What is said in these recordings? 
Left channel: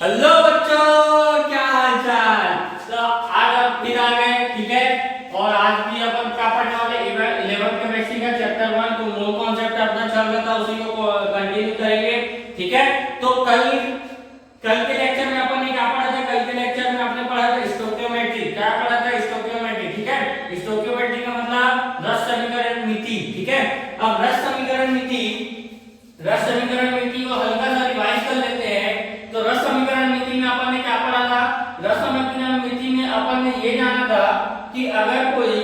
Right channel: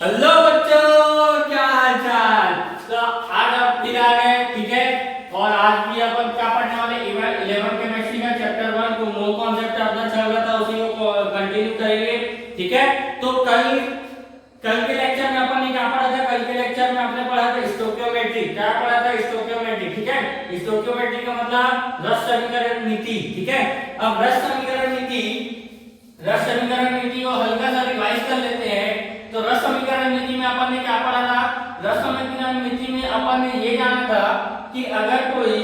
Hello बच्चों, क्या हाल चाल। तो आज आप फिर आ गए, ठीक है। और आज भी अपन क्या पढ़ने वाले 11 केमिस्ट्री का चैप्टर 1 तो नो कॉन्सेप्ट अपना चल रहा था, उसी को कंटिन्यू करेंगे, ठीक है। तो कल के लेक्चर में अपन ने क्या पढ़ा था? कल के लेक्चर में आपने पढ़ा था स्टोइकियोमेट्री। क्या पढ़ा था? स्टोइकियोमेट्री, ठीक है। स्टोइकियोमेट्री का मतलब रस समीकरण नीति, ठीक है। अब रस समीकरण नीति को हल्का सा रिवाइज कर लेते हैं। तो रस समीकरण नीति में अपन ने क्या पढ़ा था? रस समीकरण नीति में अपन ने ये जाना था कि अगर कोई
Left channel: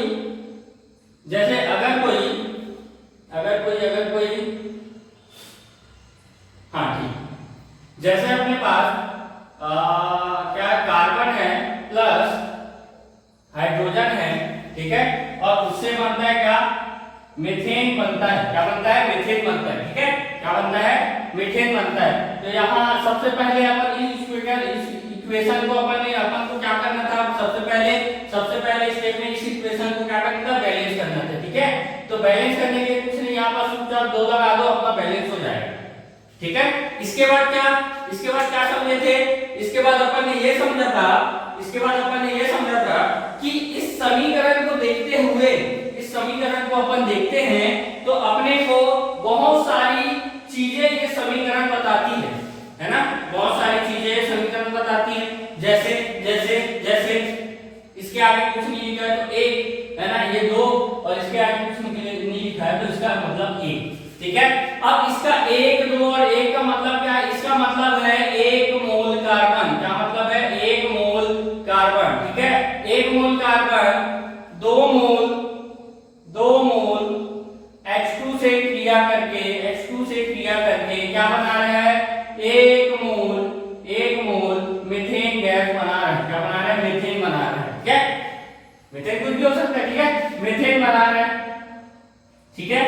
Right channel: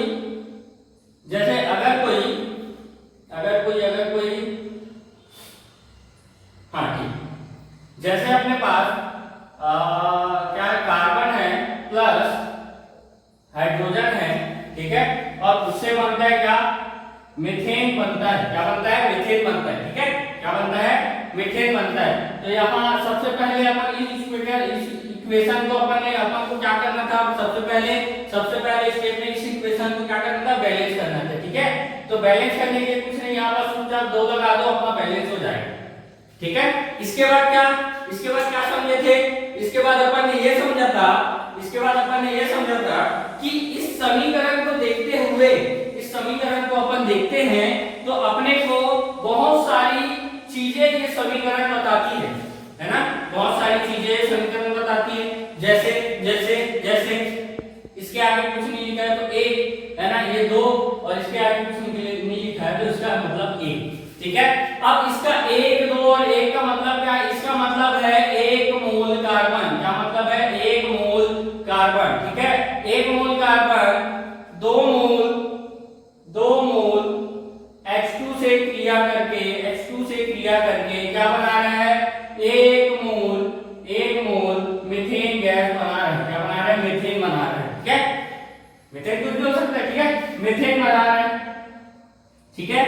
हाँ ठीक, जैसे अपने पास क्या कार्बन है प्लस हाइड्रोजन है, ठीक है। और उससे बनता है क्या? मीथेन बनता है। क्या बनता है? मीथेन बनता है, ठीक है। क्या बनता है? मीथेन बनता है। तो यहाँ सबसे पहले अपन इस इक्वेशन को अपन को क्या करना था? सबसे पहले स्टेप में इस इक्वेशन को क्या करना था? बैलेंस करना था, ठीक है। तो बैलेंस करने के लिए कुछ नहीं, यहाँ पर सूत्र 2 लगा दो, अपना बैलेंस हो जाएगा, ठीक है। इसके बाद क्या समझे थे? इसके बाद अपन ने ये समझा था कि इस समीकरण को देखते हुए, इस समीकरण को अपन देखते हैं तो अपने को बहुत सारी चीजें ये समीकरण बताती है ना। बहुत सारी चीजें समीकरण बताती है। जैसे इसके आगे कुछ नहीं लिखा है तो एक है ना, ये 2, और इसके आगे कुछ नहीं लिखा है तो इसका मतलब 1, ठीक है। अब इसका 1, 2 और 1 का मतलब क्या है? इसका मतलब है 1 मोल कार्बन। क्या मतलब है? 1 मोल कार्बन, ठीक है। 1 मोल कार्बन 2 मोल H2 से क्रिया करके क्या बना रहा है? 1 मोल मीथेन गैस बना रहा है। क्या बना रहा है? मीथेन बना रहा है, ठीक है। मीथेन कुछ भी हो सकता है, ठीक है। मीथेन बना रहा है, ठीक है।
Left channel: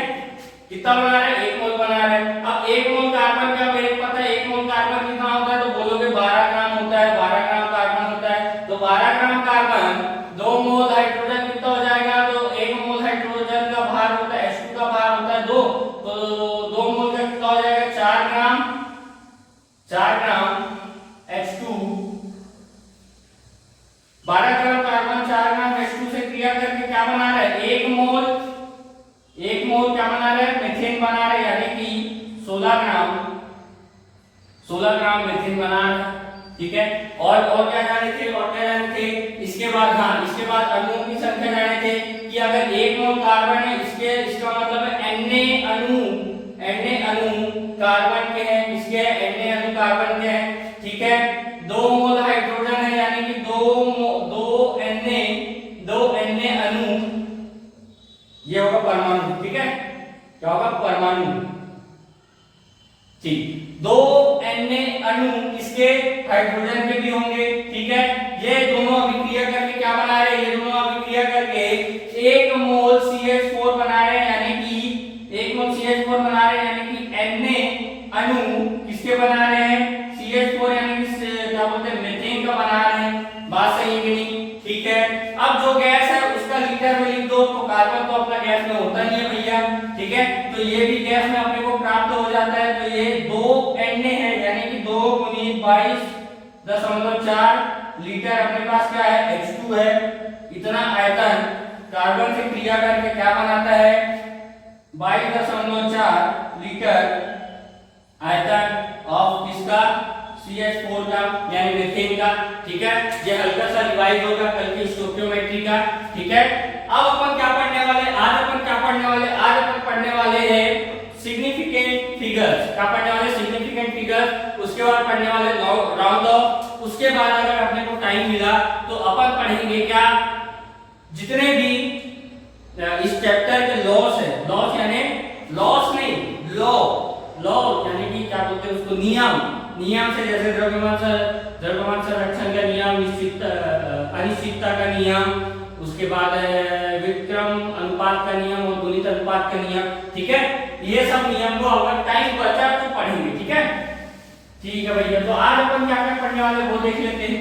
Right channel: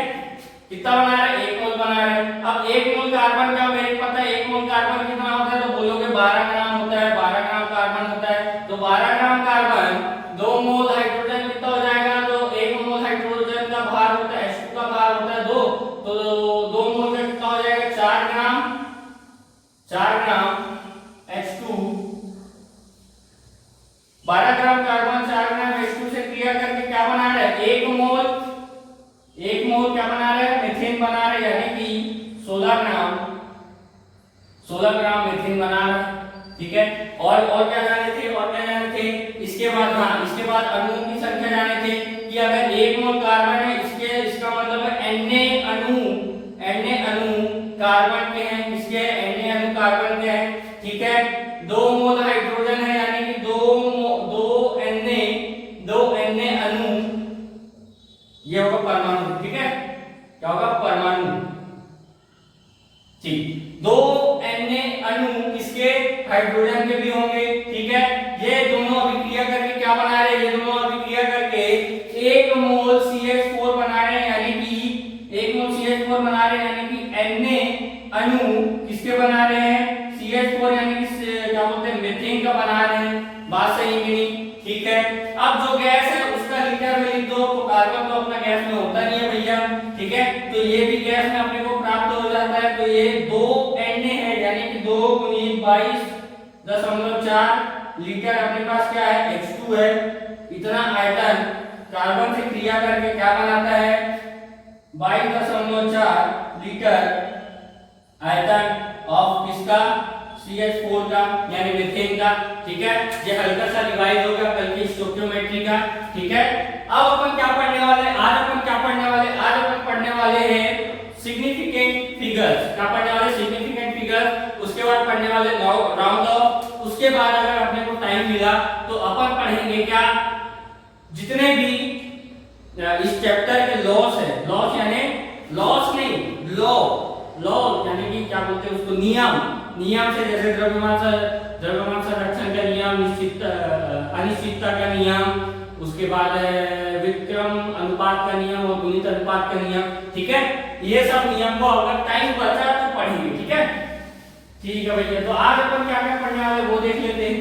कितना बना रहा है? 1 मोल बना रहा है। अब 1 मोल कार्बन का मेरे को पता है 1 मोल कार्बन कितना होता है, तो बोलोगे 12 ग्राम होता है। 12 ग्राम कार्बन होता है। तो 12 ग्राम कार्बन 2 मोल हाइड्रोजन कितना हो जाएगा? तो 1 मोल हाइड्रोजन का भार होता है, H2 का भार होता है 2, तो 2 मोल का कितना हो जाएगा? 4 ग्राम H2। 12 ग्राम कार्बन 4 ग्राम H2 से क्रिया करके क्या बना रहा है? 1 मोल क्या बना रहे हैं? मीथेन बना रहे हैं, यानी कि 16 ग्राम मीथेन बना रहा है, ठीक है। और क्या जाने थे? इसके बाद अणुओं की संख्या जाने थे कि अगर 1 मोल कार्बन है, इसका मतलब है Na अणु कार्बन के हैं, इसके Na अणु कार्बन के हैं, ठीक है। 2 मोल हाइड्रोजन है, यानी कि 2 Na अणु, ये होगा परमाणु, ठीक है। क्या होगा? परमाणु, ठीक। 2 Na अणु इसके हाइड्रोजन के भी होंगे, ठीक है। ये दोनों अभिक्रिया करके क्या बना रहे हैं? ये दोनों अभिक्रिया करके 1 मोल CH4 बना रहे हैं, यानी कि 1 मोल CH4 बना रहे हैं, यानी कि Na अणु किसके बना रहे हैं? CH4, यानी कि क्या बोलते हैं? मीथेन का बना रहे हैं। बात सही है, ठीक है। अब जो गैस है उसका लीटर में लिख दो, तो कार्बन तो अपना गैस में होता नहीं है भैया, ठीक है। तो ये भी गैस में अपने को प्राप्त हो जाता है। तो ये 2 Na है, यानी कि 2 × 22.4 लीटर अपने पास क्या है? H2 है। इतना आयतन कार्बन से क्रिया करके क्या बनाता है? 22.4 लीटर आयतन ऑफ किसका? CH4 का, यानी मीथेन का, ठीक है। ये हल्का सा रिवाइज होगा कल की स्टोइकियोमेट्री का, ठीक है। अब अपन क्या पढ़ने वाले? आज अपन पढ़ने वाले हैं सिग्निफिकेंट फिगर्स। क्या पढ़ने वाले? Significant figures. उसके बाद पढ़ने वाले राउंड ऑफ। उसके बाद अगर अपने को टाइम मिला तो अपन पढ़ेंगे क्या? जितने भी इस चैप्टर के लॉस है, लॉ यानी कि क्या बोलते हैं उसको? नियम से, जैसे द्रव्यमान संरक्षण का नियम, अनिश्चितता का नियम, उसके बाद विक्रम अनुपात का नियम और गुणित अनुपात का नियम, ठीक है। ये सब नियम को अगर टाइम बचा तो पढ़ेंगे, ठीक है। ठीक है भैया, तो आज अपन क्या पढ़ने वाले वो देख लेते हैं।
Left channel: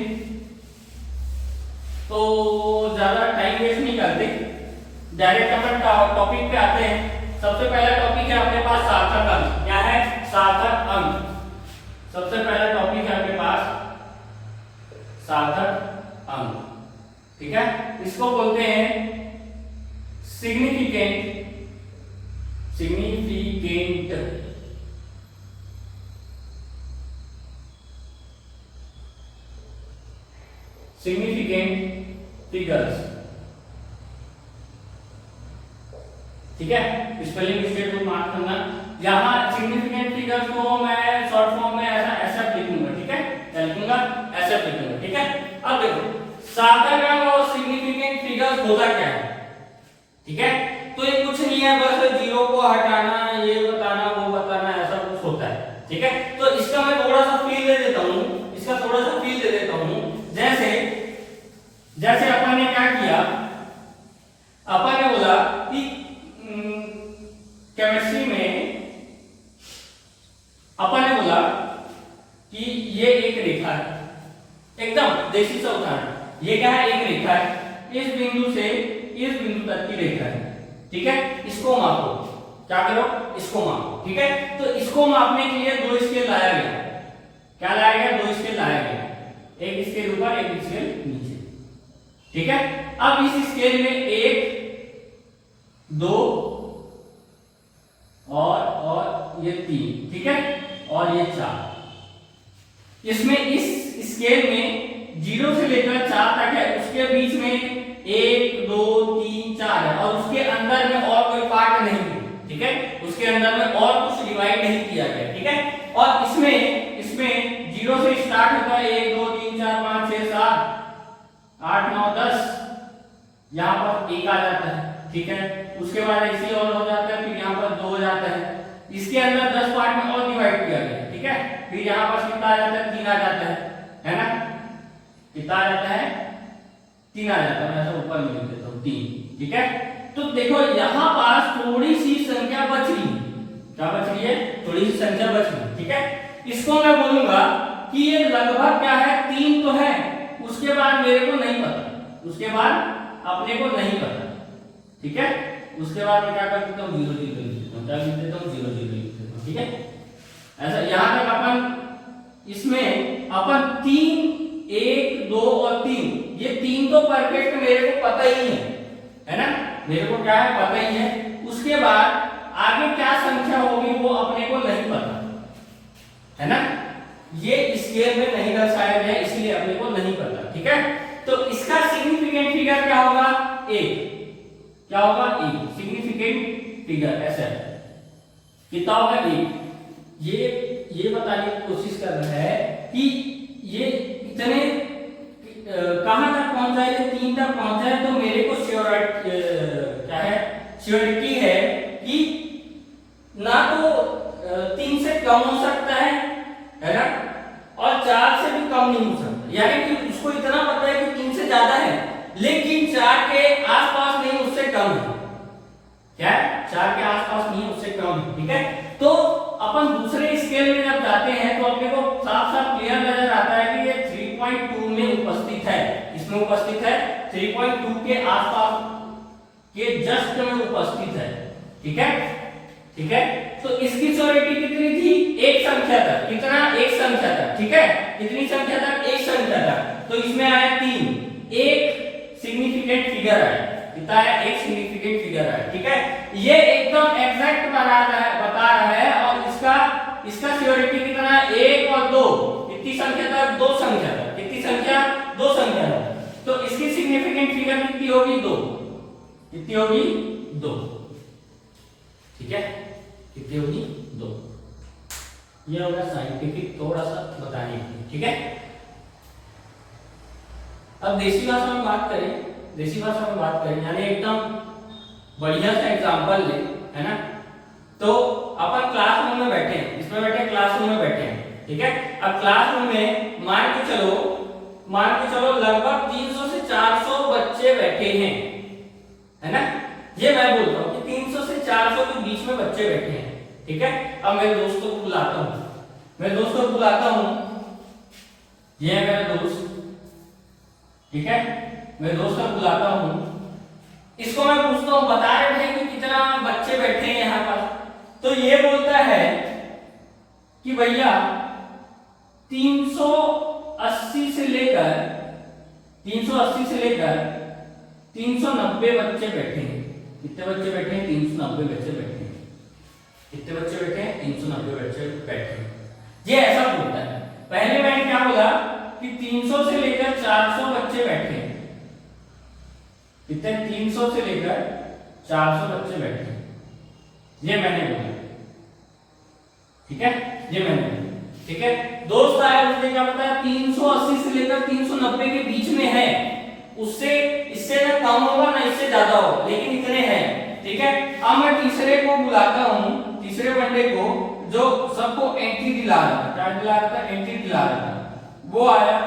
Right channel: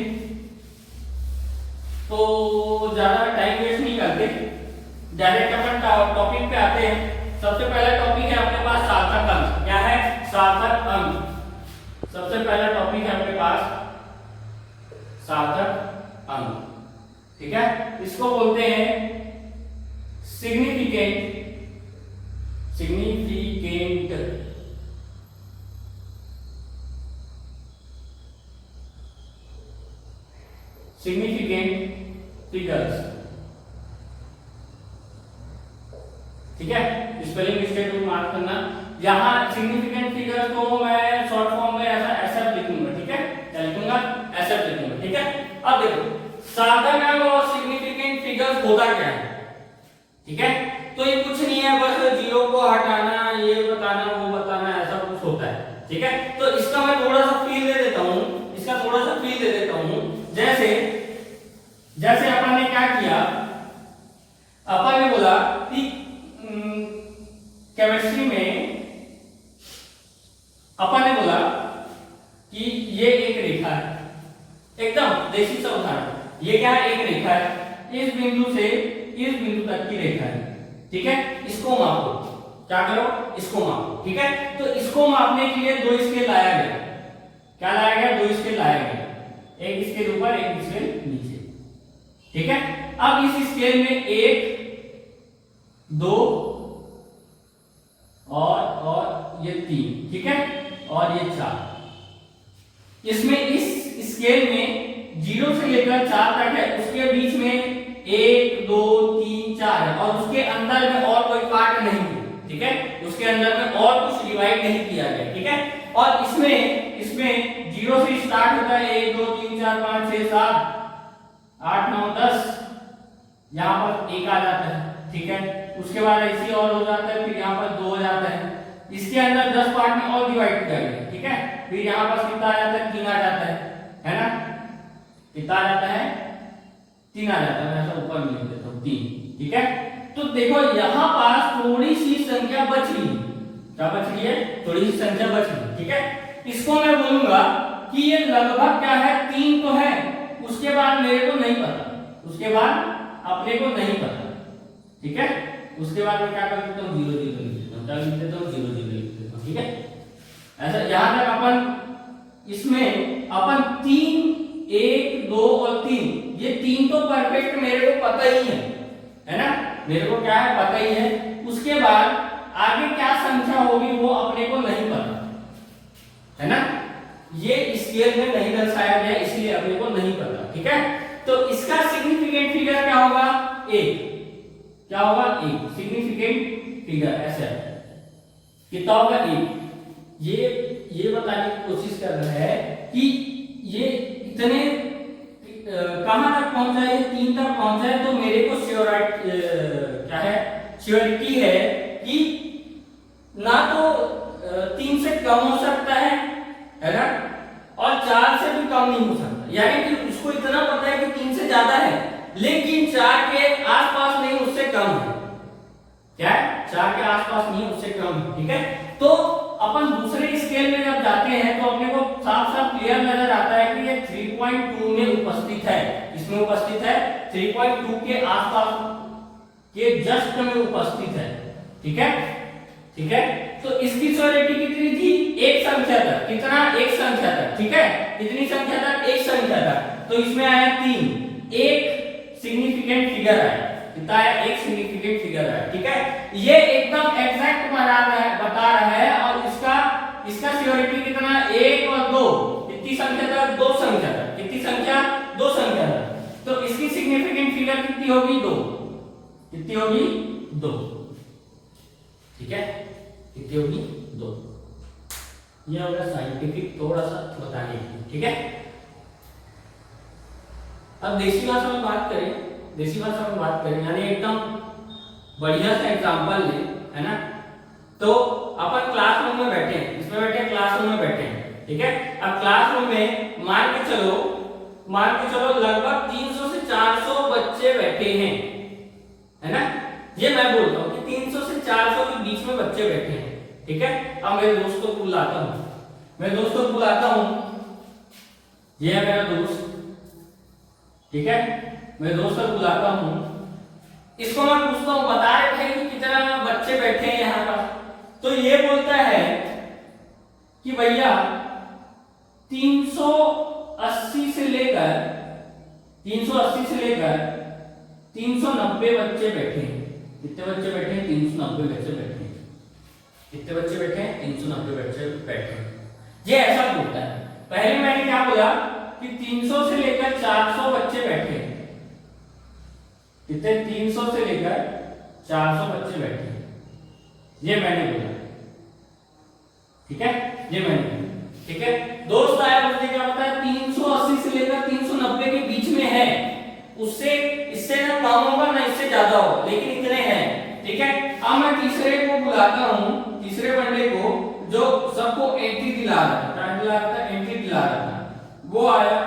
तो ज्यादा टाइम वेस्ट नहीं करते, डायरेक्ट अपन टॉपिक पे आते हैं। सबसे पहला टॉपिक है अपने पास सार्थक अंक। क्या है? सार्थक अंक। सबसे पहला टॉपिक है अपने पास सार्थक अंक, ठीक है। इसको बोलते हैं सिग्निफिकेंट फिगर्स, ठीक है। स्पेलिंग मिस्टेक को मार्क करना। यहाँ सिग्निफिकेंट फिगर्स को मैं शॉर्ट फॉर्म में ऐसा ऐसा लिखूंगा, ठीक है, क्या लिखूंगा, ऐसा लिखूंगा, ठीक है। अब देखो सार्थक अंक और सिग्निफिकेंट फिगर्स होता क्या है, ठीक है। तो ये कुछ नहीं है, बस जीरो को हटाना, ये बताना, वो बताना, ऐसा कुछ होता है, ठीक है। तो इसका मैं थोड़ा सा फील दे देता हूँ, इसका थोड़ा सा फील दे देता हूँ। जैसे अपन ने क्या किया, अपन ने बोला कि केमिस्ट्री में अपन ने बोला कि ये एक रेखा है, एकदम देसी सा उदाहरण, ये क्या है, एक रेखा है, इस बिंदु से इस बिंदु तक की रेखा है, ठीक है। इसको मापो, क्या करो, इसको मापो, ठीक है। तो इसको मापने के लिए दो स्केल लाया गया, क्या लाया गया, दो स्केल लाया गया, एक स्केल ऊपर एक स्केल नीचे, ठीक है। अब इस स्केल में 1 2 और ये 3, ठीक है, और ये 4। इसमें इस स्केल में 0 से लेकर 4 तक है, उसके बीच में 1 2 3 4 है, और उसके अंदर में और कोई पार्ट नहीं है, ठीक है, उसके अंदर में और कुछ डिवाइड नहीं किया गया, ठीक है। और इसमें 0 से स्टार्ट होता है 1 2 3 4 5 6 7 8 9 10, यहाँ पर 1 आ जाता है, ठीक है। उसके बाद ऐसे और हो जाता है, फिर यहाँ पर 2 हो जाता है, इसके अंदर 10 पार्ट में और डिवाइड किया गया, ठीक है। फिर यहाँ पर कितना आ जाता है, 3 आ जाता है ना, कितना आ जाता है, 3 आ जाता है, मैं ऐसा ऊपर में लिख देता हूँ 3, ठीक है। तो देखो यहाँ पास थोड़ी सी संख्या बच रही है, क्या बच रही है, थोड़ी सी संख्या बच रही है, ठीक है। इसको मैं बोलूंगा कि ये लगभग क्या है, 3 तो है, उसके बाद मेरे को नहीं पता, उसके बाद अपने को नहीं पता, ठीक है। उसके बाद मैं क्या कर देता हूँ, 0 0 लिख देता हूँ, क्या लिख देता हूँ, 0 0 लिख देता हूँ, ठीक है। ऐसा यहाँ तक अपन इसमें अपन 3 1 2 और 3, ये 3 तो परफेक्ट मेरे को पता ही है ना, मेरे को क्या है, पता ही है। उसके बाद आगे क्या संख्या होगी वो अपने को नहीं पता, है ना, ये स्केल में नहीं दर्शाया गया, इसलिए अपने को नहीं पता, ठीक है। तो इसका सिग्निफिकेंट फिगर क्या होगा, 1, क्या होगा, 1 सिग्निफिकेंट फिगर, ऐसा कितना होगा, 1। ये बताने की कोशिश कर रहा है कि ये इतने कहां तक पहुंचा है, 3 तक पहुंचा है, तो मेरे को क्या है, श्योरिटी है कि ना तो 3 से कम हो सकता है ना, और 4 से भी कम नहीं हो सकता, यानी कि उसको इतना पता है कि 3 से ज्यादा है, लेकिन 4 के आसपास नहीं, उससे कम है, क्या है, 4 के आसपास नहीं, उससे कम है, ठीक है। तो अपन दूसरे स्केल में जब जाते हैं तो अपने को साफ साफ क्लियर नजर आता है कि ये 3.2 में उपस्थित है, इसमें उपस्थित है 3.2 के आसपास के जस्ट में उपस्थित है, ठीक है, ठीक है। तो इसकी श्योरिटी कितनी थी, एक संख्या तक, कितना, एक संख्या तक, ठीक है, कितनी संख्या तक, एक संख्या तक। तो इसमें आया 3, एक सिग्निफिकेंट फिगर आया, कितना है, एक सिग्निफिकेंट फिगर आया, ठीक है। ये एकदम एग्जैक्ट बता रहा है, और इसका श्योरिटी कितना है, 1 और 2, कितनी संख्या तक, 2 संख्या तक, कितनी संख्या, 2 संख्या तक। तो इसकी सिग्निफिकेंट फिगर कितनी होगी, 2, कितनी होगी, 2, ठीक है, कितनी होगी, 2। यह होगा साइंटिफिक थोड़ा सा बताने की, ठीक है। अब देसी भाषा में बात करें, यानी एकदम बढ़िया सा एग्जांपल ले, है ना। तो अपन क्लासरूम में बैठे हैं, इसमें बैठे क्लासरूम में बैठे हैं, ठीक है। अब क्लासरूम में मान के चलो लगभग 300 से 400 बच्चे बैठे हैं, है ना। ये मैं बोलता हूँ कि 300 से 400 के बीच में बच्चे बैठे हैं, ठीक है। अब मेरे दोस्त को बुलाता हूँ, ये है मेरा दोस्त, ठीक है, मैं दोस्त को बुलाता हूँ, इसको मैं पूछता हूँ, बता रहे थे कि कितना बच्चे बैठे हैं यहाँ पर। तो ये बोलता है कि भैया 380 से लेकर 380 से लेकर 390 बच्चे बैठे हैं। कितने बच्चे बैठे हैं? 390 बच्चे बैठे हैं। कितने बच्चे बैठे हैं? 390 बच्चे बैठे हैं। ये ऐसा बोलता है। पहले मैंने क्या बोला कि 300 से लेकर 400 बच्चे बैठे हैं। कितने? 300 से लेकर 400 बच्चे बैठे हैं, ये मैंने बोला। ठीक है, ये मैंने बोला। ठीक है, दोस्त आया उसने क्या बताया? 380 से लेकर 390 के बीच में है, उससे इससे ना कम होगा ना इससे ज्यादा होगा, लेकिन इतने हैं। ठीक है, अब मैं तीसरे को बुलाता हूं, तीसरे बंदे को जो सबको एंट्री दिला रहा था। क्या दिला रहा था? एंट्री दिला रहा था। वो आया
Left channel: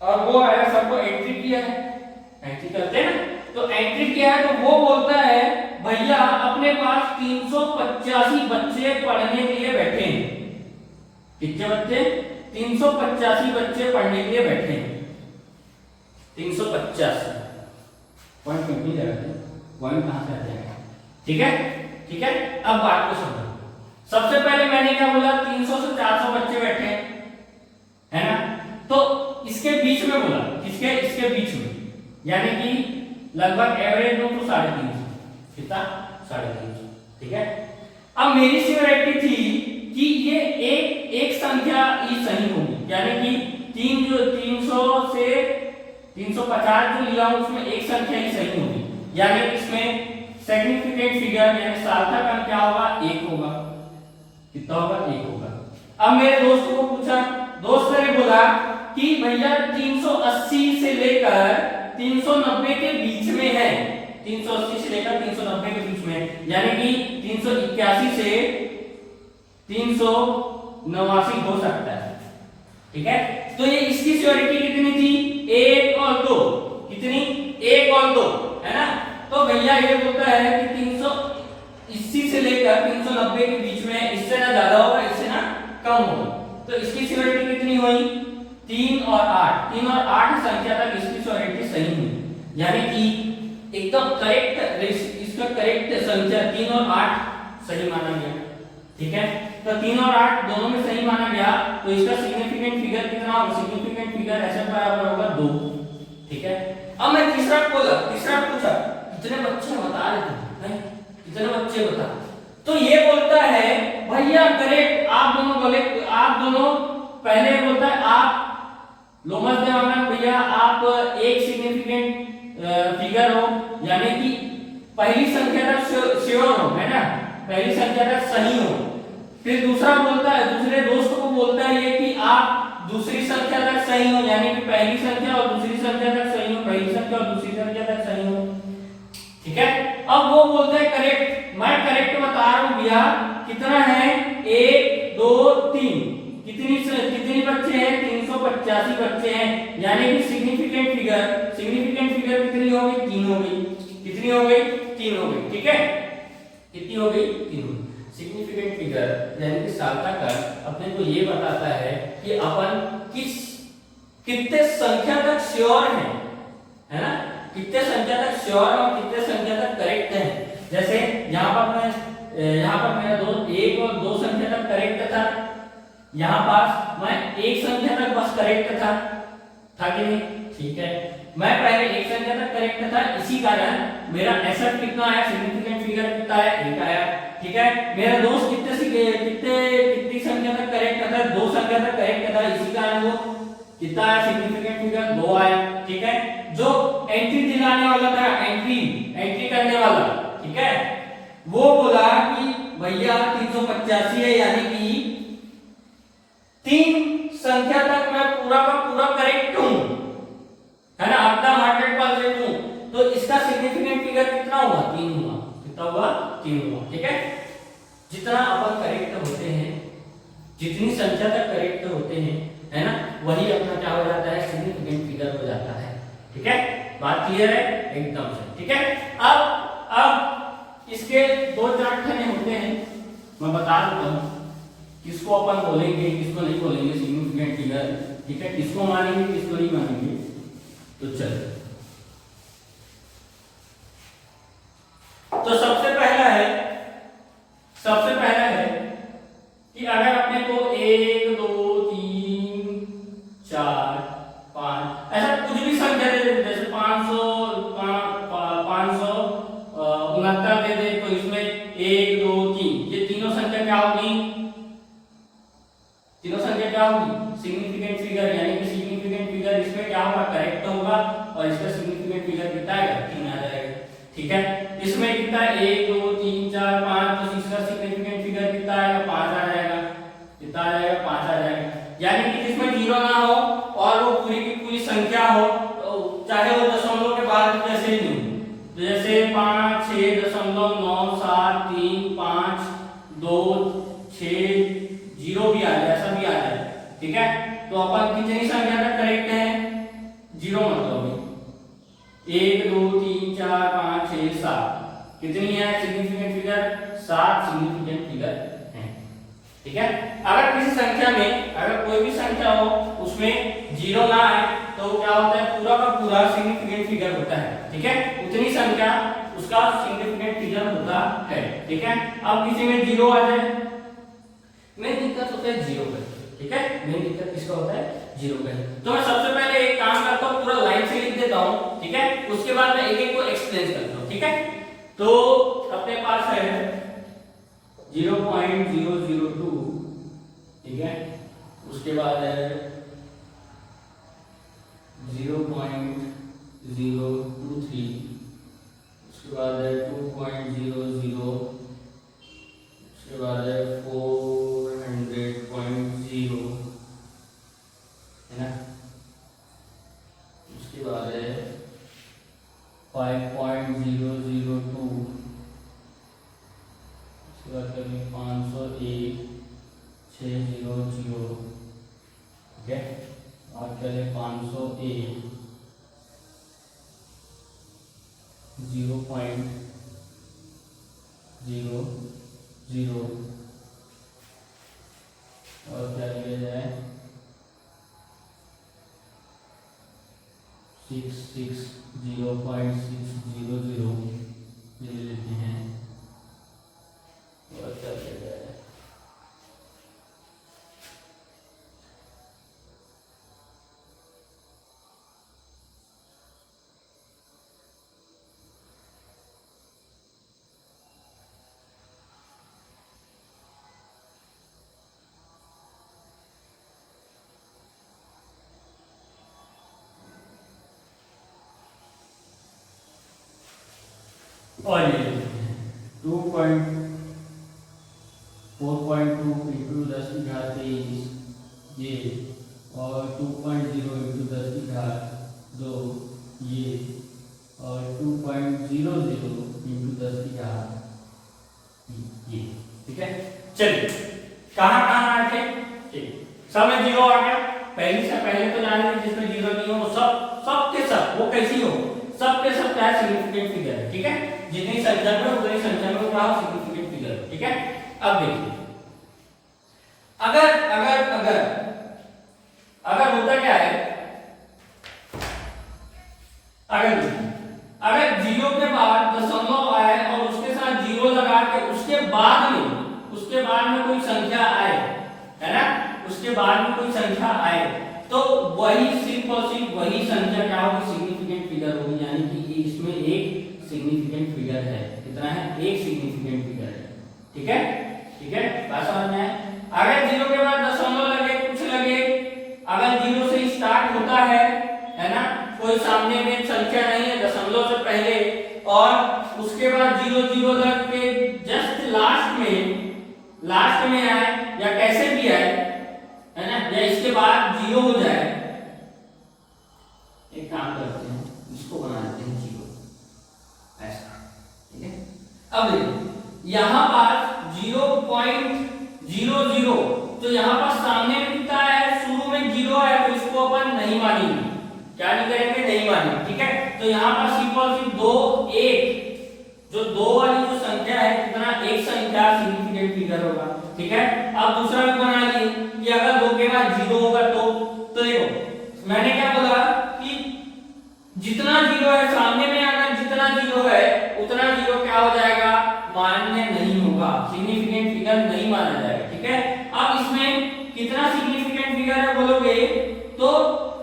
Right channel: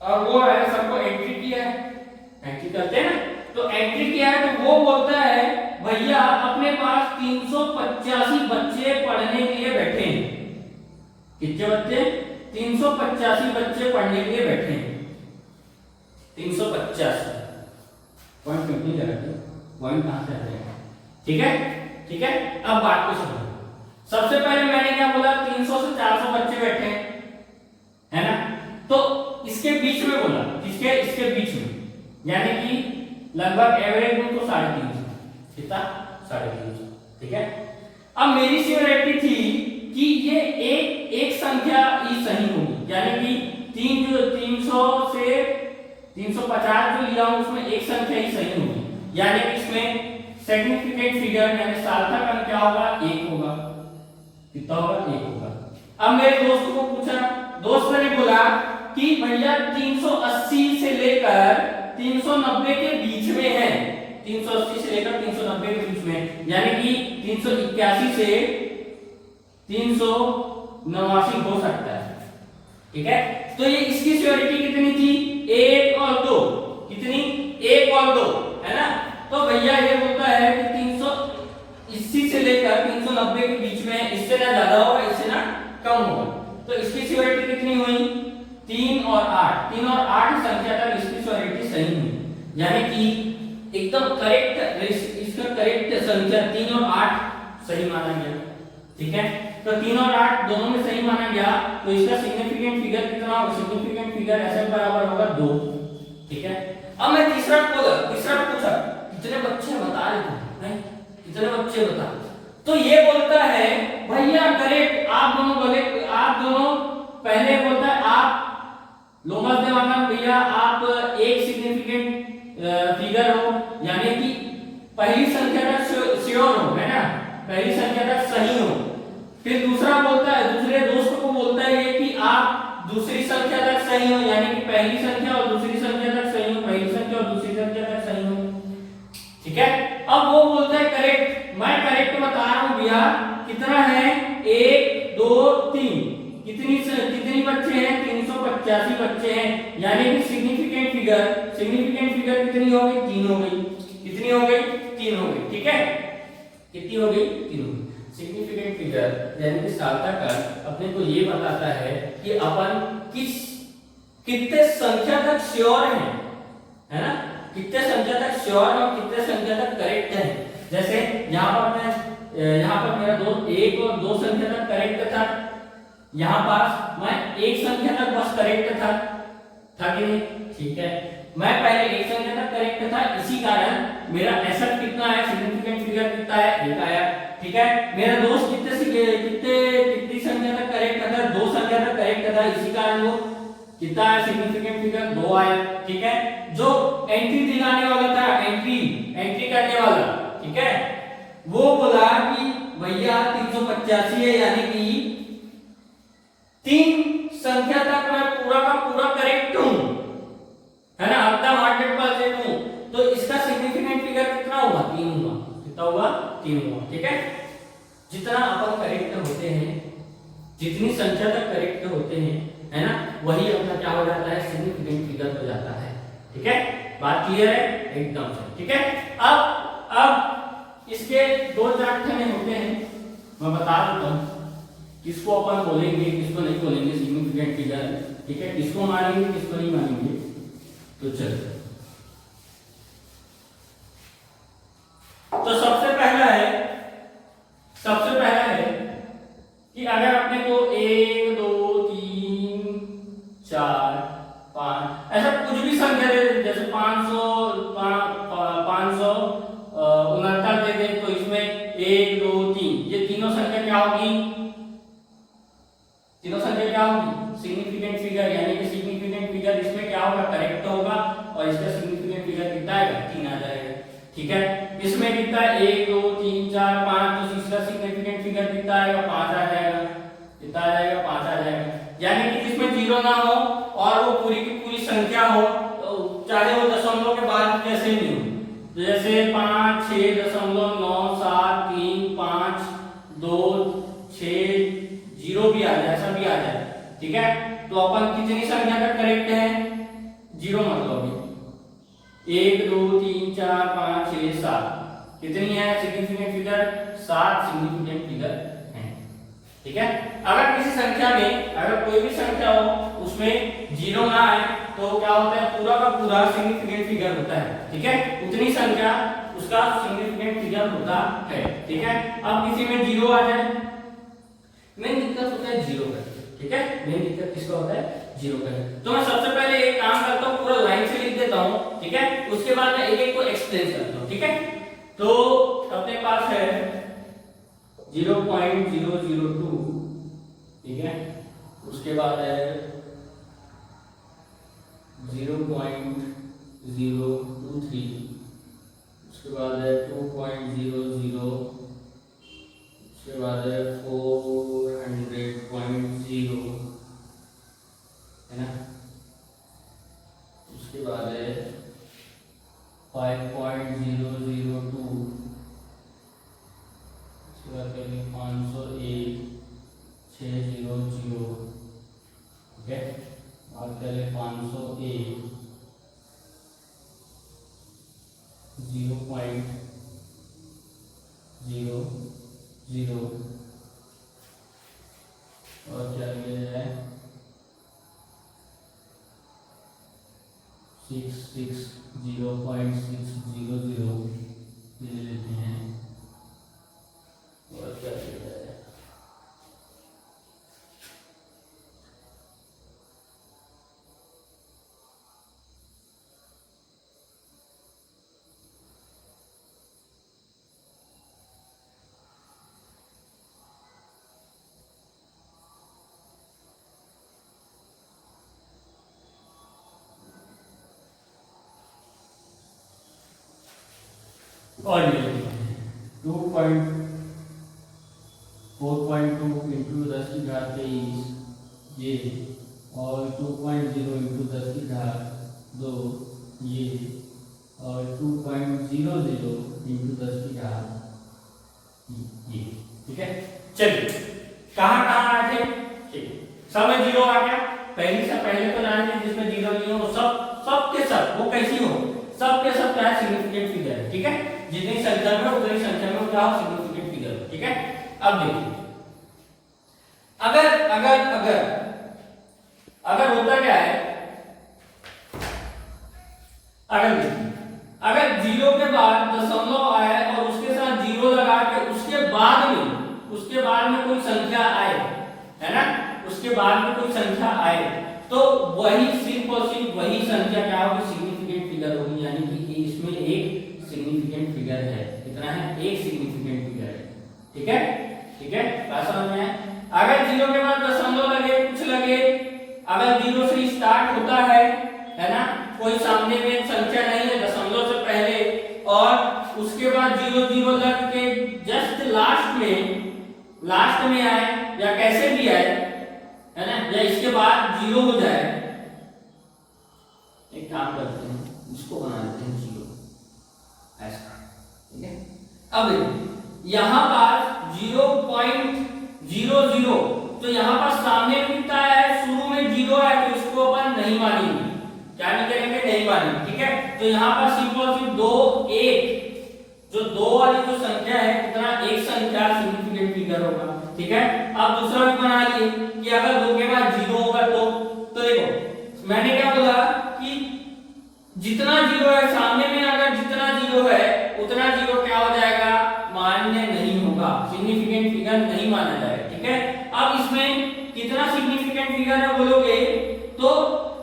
और वो आया, सबको एंट्री किया है। एंट्री करते हैं ना, तो एंट्री किया है तो वो बोलता है भैया अपने पास 385 बच्चे पढ़ने के लिए बैठे हैं। कितने बच्चे? 385 बच्चे पढ़ने के लिए बैठे हैं। 385 पॉइंट क्यों लगाते? पॉइंट कहां से आते हैं? ठीक है, ठीक है, अब बात को समझो। सबसे पहले मैंने क्या बोला? 300 से 400 बच्चे बैठे हैं, है ना? तो इसके बीच में बोला, किसके? इसके बीच में, यानी कि लगभग एवरेज में तो 350। कितना? 350। ठीक है, अब मेरी सियोरिटी थी कि ये एक संख्या ही सही होगी, यानी कि 300 से 350 जो लिया हूं उसमें एक संख्या ही सही होगी, यानी कि इसमें सिग्निफिकेंट फिगर यानी सार्थक अंक क्या होगा? 1 होगा। कितना होगा? 1 होगा। अब मेरे दोस्त को पूछा, दोस्त ने बोला कि भैया 380 से लेकर 390 के बीच में है। 380 से लेकर 390 के बीच में है, यानी कि 381 से 389 हो सकता है। ठीक है, तो ये इसकी सियोरिटी कितनी थी? 1 और 2। कितनी? 1 और 2, है ना? तो भैया ये बोलता है कि 380 से लेकर 390 के बीच में, इससे ना ज्यादा होगा इससे ना कम होगा। तो इसकी सियोरिटी कितनी हुई? 3 और 8। 3 और 8 संख्या तक इसकी सियोरिटी सही हुई, यानी कि एकदम करेक्ट, इसका करेक्ट संख्या 3 और 8 सही माना गया। ठीक है, तो 3 और 8 दोनों में सही माना गया, तो इसका सिग्निफिकेंट फिगर कितना होगा? सिग्निफिकेंट फिगर SF बराबर होगा 2। ठीक है, अब मैं तीसरा पूछा कितने बच्चे बता रहे थे? कितने बच्चे बता? तो ये बोलता है भैया करेक्ट, आप दोनों बोले, आप दोनों पहले बोलता है आप लोमस देवांगन भैया आप एक सिग्निफिकेंट फिगर हो, यानी कि पहली संख्या तक श्योर हो, है ना? पहली संख्या तक सही हो। फिर दूसरा बोलता है, दूसरे दोस्त को बोलता है ये कि आप दूसरी संख्या तक सही हो, यानी कि पहली संख्या और दूसरी संख्या तक सही हो, पहली संख्या और दूसरी संख्या तक सही हो। ठीक है, अब वो बोलता है करेक्ट, मैं करेक्ट बता रहा हूं भैया। कितना है? 1 2 3। कितनी बच्चे हैं? 385 बच्चे हैं, यानी कि सिग्निफिकेंट फिगर कितनी हो गई? 3 हो गई। कितनी हो गई? 3 हो गई। ठीक है, कितनी हो गई? 3 हो गई। सिग्निफिकेंट फिगर यानी कि सार्थक अंक अपने को ये बताता है कि अपन कितने संख्या तक श्योर है ना? कितने संख्या तक श्योर और कितने संख्या तक करेक्ट है। जैसे यहाँ पर मेरा दोस्त 1 और 2 संख्या तक करेक्ट था, यहाँ पास मैं एक संख्या तक बस करेक्ट था कि नहीं? ठीक है, मैं पहले एक संख्या तक करेक्ट था, इसी कारण मेरा SF कितना आया? सिग्निफिकेंट फिगर कितना आया? 1 आया। ठीक है, मेरा दोस्त कितनी संख्या तक करेक्ट था? 2 संख्या तक करेक्ट था, इसी कारण वो कितना आया? सिग्निफिकेंट फिगर 2 आया। ठीक है, जो एंट्री दिलाने वाला था, एंट्री करने वाला, ठीक है, वो बोला कि भैया 385 है, यानी कि 3 संख्या तक मैं पूरा का पूरा करेक्ट हूं, है ना? एकदम 100% हूं, तो इसका सिग्निफिकेंट फिगर कितना हुआ? 3 हुआ। कितना हुआ? 3 हुआ। ठीक है, जितना अपन करेक्ट होते हैं, जितनी संख्या तक करेक्ट होते हैं, है ना, वही अपना क्या हो जाता है? सिग्निफिकेंट फिगर हो जाता है। ठीक है, बात क्लियर है? एकदम से। ठीक है, अब इसके 2-4 ठने होते हैं, मैं बता देता हूं किसको अपन बोलेंगे, किसको नहीं बोलेंगे सिग्निफिकेंट फिगर। ठीक है, किसको मानेंगे, किसको नहीं मानेंगे। तो चल, तो सबसे पहला है कि अगर अपने को 1 2 3 4 5 ऐसा कुछ भी संख्या और इसका सिग्निफिकेंट फिगर कितना आएगा 3 आ जाएगा। ठीक है, इसमें कितना 1 2 3 4 5, तो इसका सिग्निफिकेंट फिगर कितना आएगा 5 आ जाएगा। कितना आ जाएगा 5 आ जाएगा। यानी कि जिसमें जीरो ना हो और वो पूरी की पूरी संख्या हो, तो चाहे वो दशमलव के बाद जैसे नहीं हो, तो जैसे 5 6.9 7 3 5 2 6 0 भी आ जाए, ऐसा भी आ जाए। ठीक है, तो अपन कितनी संख्या तक करेक्ट है? 0 मतलब 1 2 3 4 5 6 7 कितनी है सिग्निफिकेंट फिगर? 7 सिग्निफिकेंट फिगर है। ठीक है, अगर किसी संख्या में अगर कोई भी संख्या हो उसमें 0 ना आए तो क्या होता है? पूरा का पूरा सिग्निफिकेंट फिगर होता है। ठीक है, उतनी संख्या उसका सिग्निफिकेंट फिगर होता है। ठीक है, अब किसी में 0 आ जाए, मेन दिक्कत होता है 0 का। ठीक है, मेन दिक्कत किसका होता है? 0 का। तो मैं सबसे पहले एक काम करता हूं, पूरा लाइन से लिख देता हूं। ठीक है, उसके बाद मैं एक एक को एक्सप्लेन करता हूं। ठीक है, तो अपने पास है 0.002। ठीक है, उसके बाद है 0.023, उसके बाद है 2.00, उसके बाद है 400.0, है ना। उसके बाद है 5.002, उसके बाद करेंगे 501 600। ठीक है, बात करें 501 0.00, और क्या लिया जाए 0.600 ले लेते हैं, और क्या लिया जाए 2.4.2 इंटू 10⁻23 ये, और 2.0 इंटू 10⁻2 ये, और 2.00 इंटू 10⁻, ये। ठीक है, चलिए कहाँ कहाँ आ गए? ठीक, सब में 0 आ गया। पहले से पहले तो जानेंगे जिसमें 0 नहीं हो, सब के सब वो कैसी हो, सब के सब क्या सिग्निफिकेंट फिगर है। ठीक है, जितनी संख्या में उतनी संख्या में क्या सिग्निफिकेंट फिगर। ठीक है, अब देखिए अगर अगर अगर अगर होता क्या है, अगर 0 के बाद दशमलव आए और उसके साथ 0 लगा के उसके बाद में कोई संख्या आए, है ना, उसके बाद में कोई संख्या आए, तो वही सिर्फ और सिर्फ वही संख्या क्या होगी? सिग्निफिकेंट फिगर होगी। यानी कि इसमें एक सिग्निफिकेंट फिगर है। कितना है? एक सिग्निफिकेंट फिगर है। ठीक है, ठीक है, बात समझ में है? अगर 0 के बाद दशमलव लगे, कुछ लगे, अगर 0 से स्टार्ट होता है ना, कोई सामने में संख्या नहीं है दशमलव से पहले, और उसके बाद 0 लग के जस्ट लास्ट में आए या कैसे भी आए, है ना, या इसके बाद 0 हो जाए, एक काम करते हैं इसको बना देते हैं 0 ऐसा। ठीक है, अब यहां पर 0.00, तो यहां पर सामने लिखता है, शुरू में 0 है तो इसको अपन नहीं मानेंगे। क्या नहीं करेंगे? नहीं मानेंगे। ठीक है, तो यहां पर सिंपल सी 2 1, जो 2 वाली जो संख्या है, कितना? एक संख्या सिग्निफिकेंट फिगर होगा। ठीक है, अब दूसरा भी बना लिए कि अगर 2 के बाद 0 होगा तो देखो मैंने क्या बोला कि जितना 0 है सामने में, अगर जितना 0 है उतना 0 क्या हो जाएगा? मान्य नहीं होगा, सिग्निफिकेंट फिगर नहीं माना जाएगा। ठीक है, अब इसमें कितना सिग्निफिकेंट फिगर है बोलोगे तो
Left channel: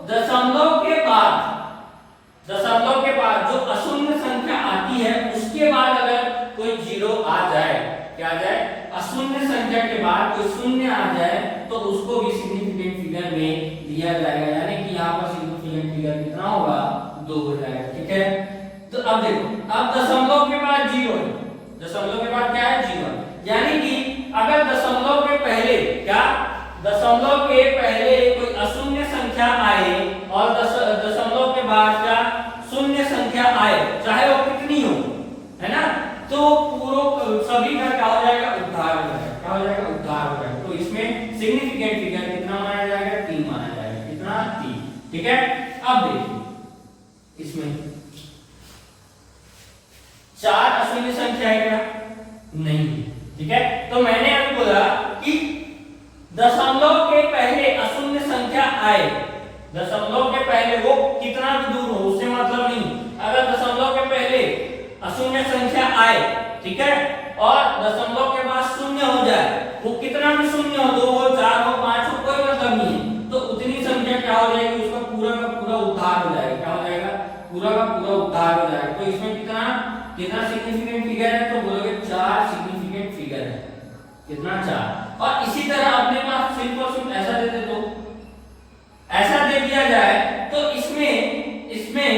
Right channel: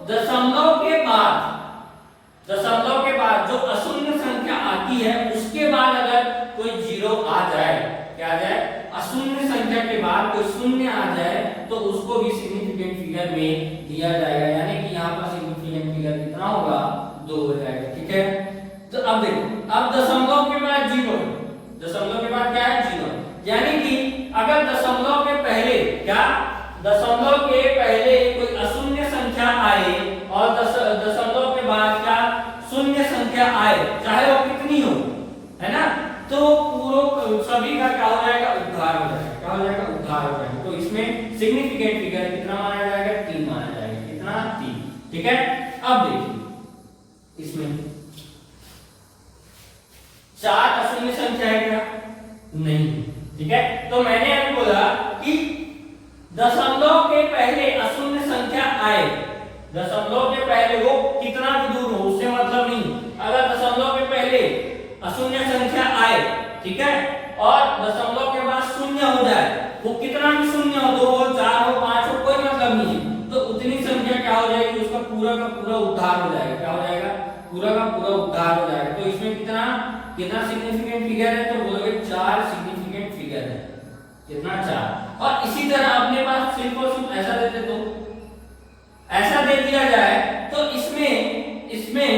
दशमलव के बाद जो अशून्य संख्या आती है उसके बाद अगर कोई 0 आ जाए, क्या आ जाए? अशून्य संख्या के बाद कोई शून्य आ जाए तो उसको भी सिग्निफिकेंट फिगर में लिया जाएगा। यानी कि यहाँ पर सिग्निफिकेंट फिगर कितना होगा? 2 अब देखो, अब दशमलव के बाद जीरो, दशमलव के बाद क्या है, जीरो। यानी कि अगर दशमलव के पहले क्या, दशमलव के पहले कोई अशून्य संख्या आए और दशमलव के बाद क्या शून्य संख्या आए, चाहे वो कितनी हो, है ना, तो पूरा सभी का क्या हो जाएगा, उद्धार हो जाएगा। क्या हो जाएगा, उद्धार हो जाएगा। तो इसमें सिग्निफिकेंट फिगर कितना माना जाएगा, 3 माना जाएगा। कितना, 3। ठीक है। अब देखिए इसमें 4 अशून्य संख्या है क्या, नहीं। ठीक है, तो मैंने अभी बोला कि दशमलव के पहले अशून्य संख्या आए, दशमलव के पहले वो कितना भी दूर हो उससे मतलब नहीं, अगर दशमलव के पहले अशून्य संख्या आए, ठीक है, और दशमलव के बाद शून्य हो जाए, वो कितना भी शून्य हो, 2 हो, 4 हो, 5 हो, कोई मतलब नहीं है, तो उतनी संख्या क्या हो जाएगी, उसका पूरा का पूरा उद्धार हो जाएगा। क्या हो जाएगा, पूरा का पूरा उद्धार हो जाएगा। तो इसमें कितना कितना सिग्निफिकेंट फिगर है, तो बोलोगे 4 सिग्निफिकेंट फिगर है। कितना, 4। और इसी तरह अपने पास सिर्फ और सिर्फ ऐसा दे दे, तो ऐसा दे दिया जाए तो इसमें इसमें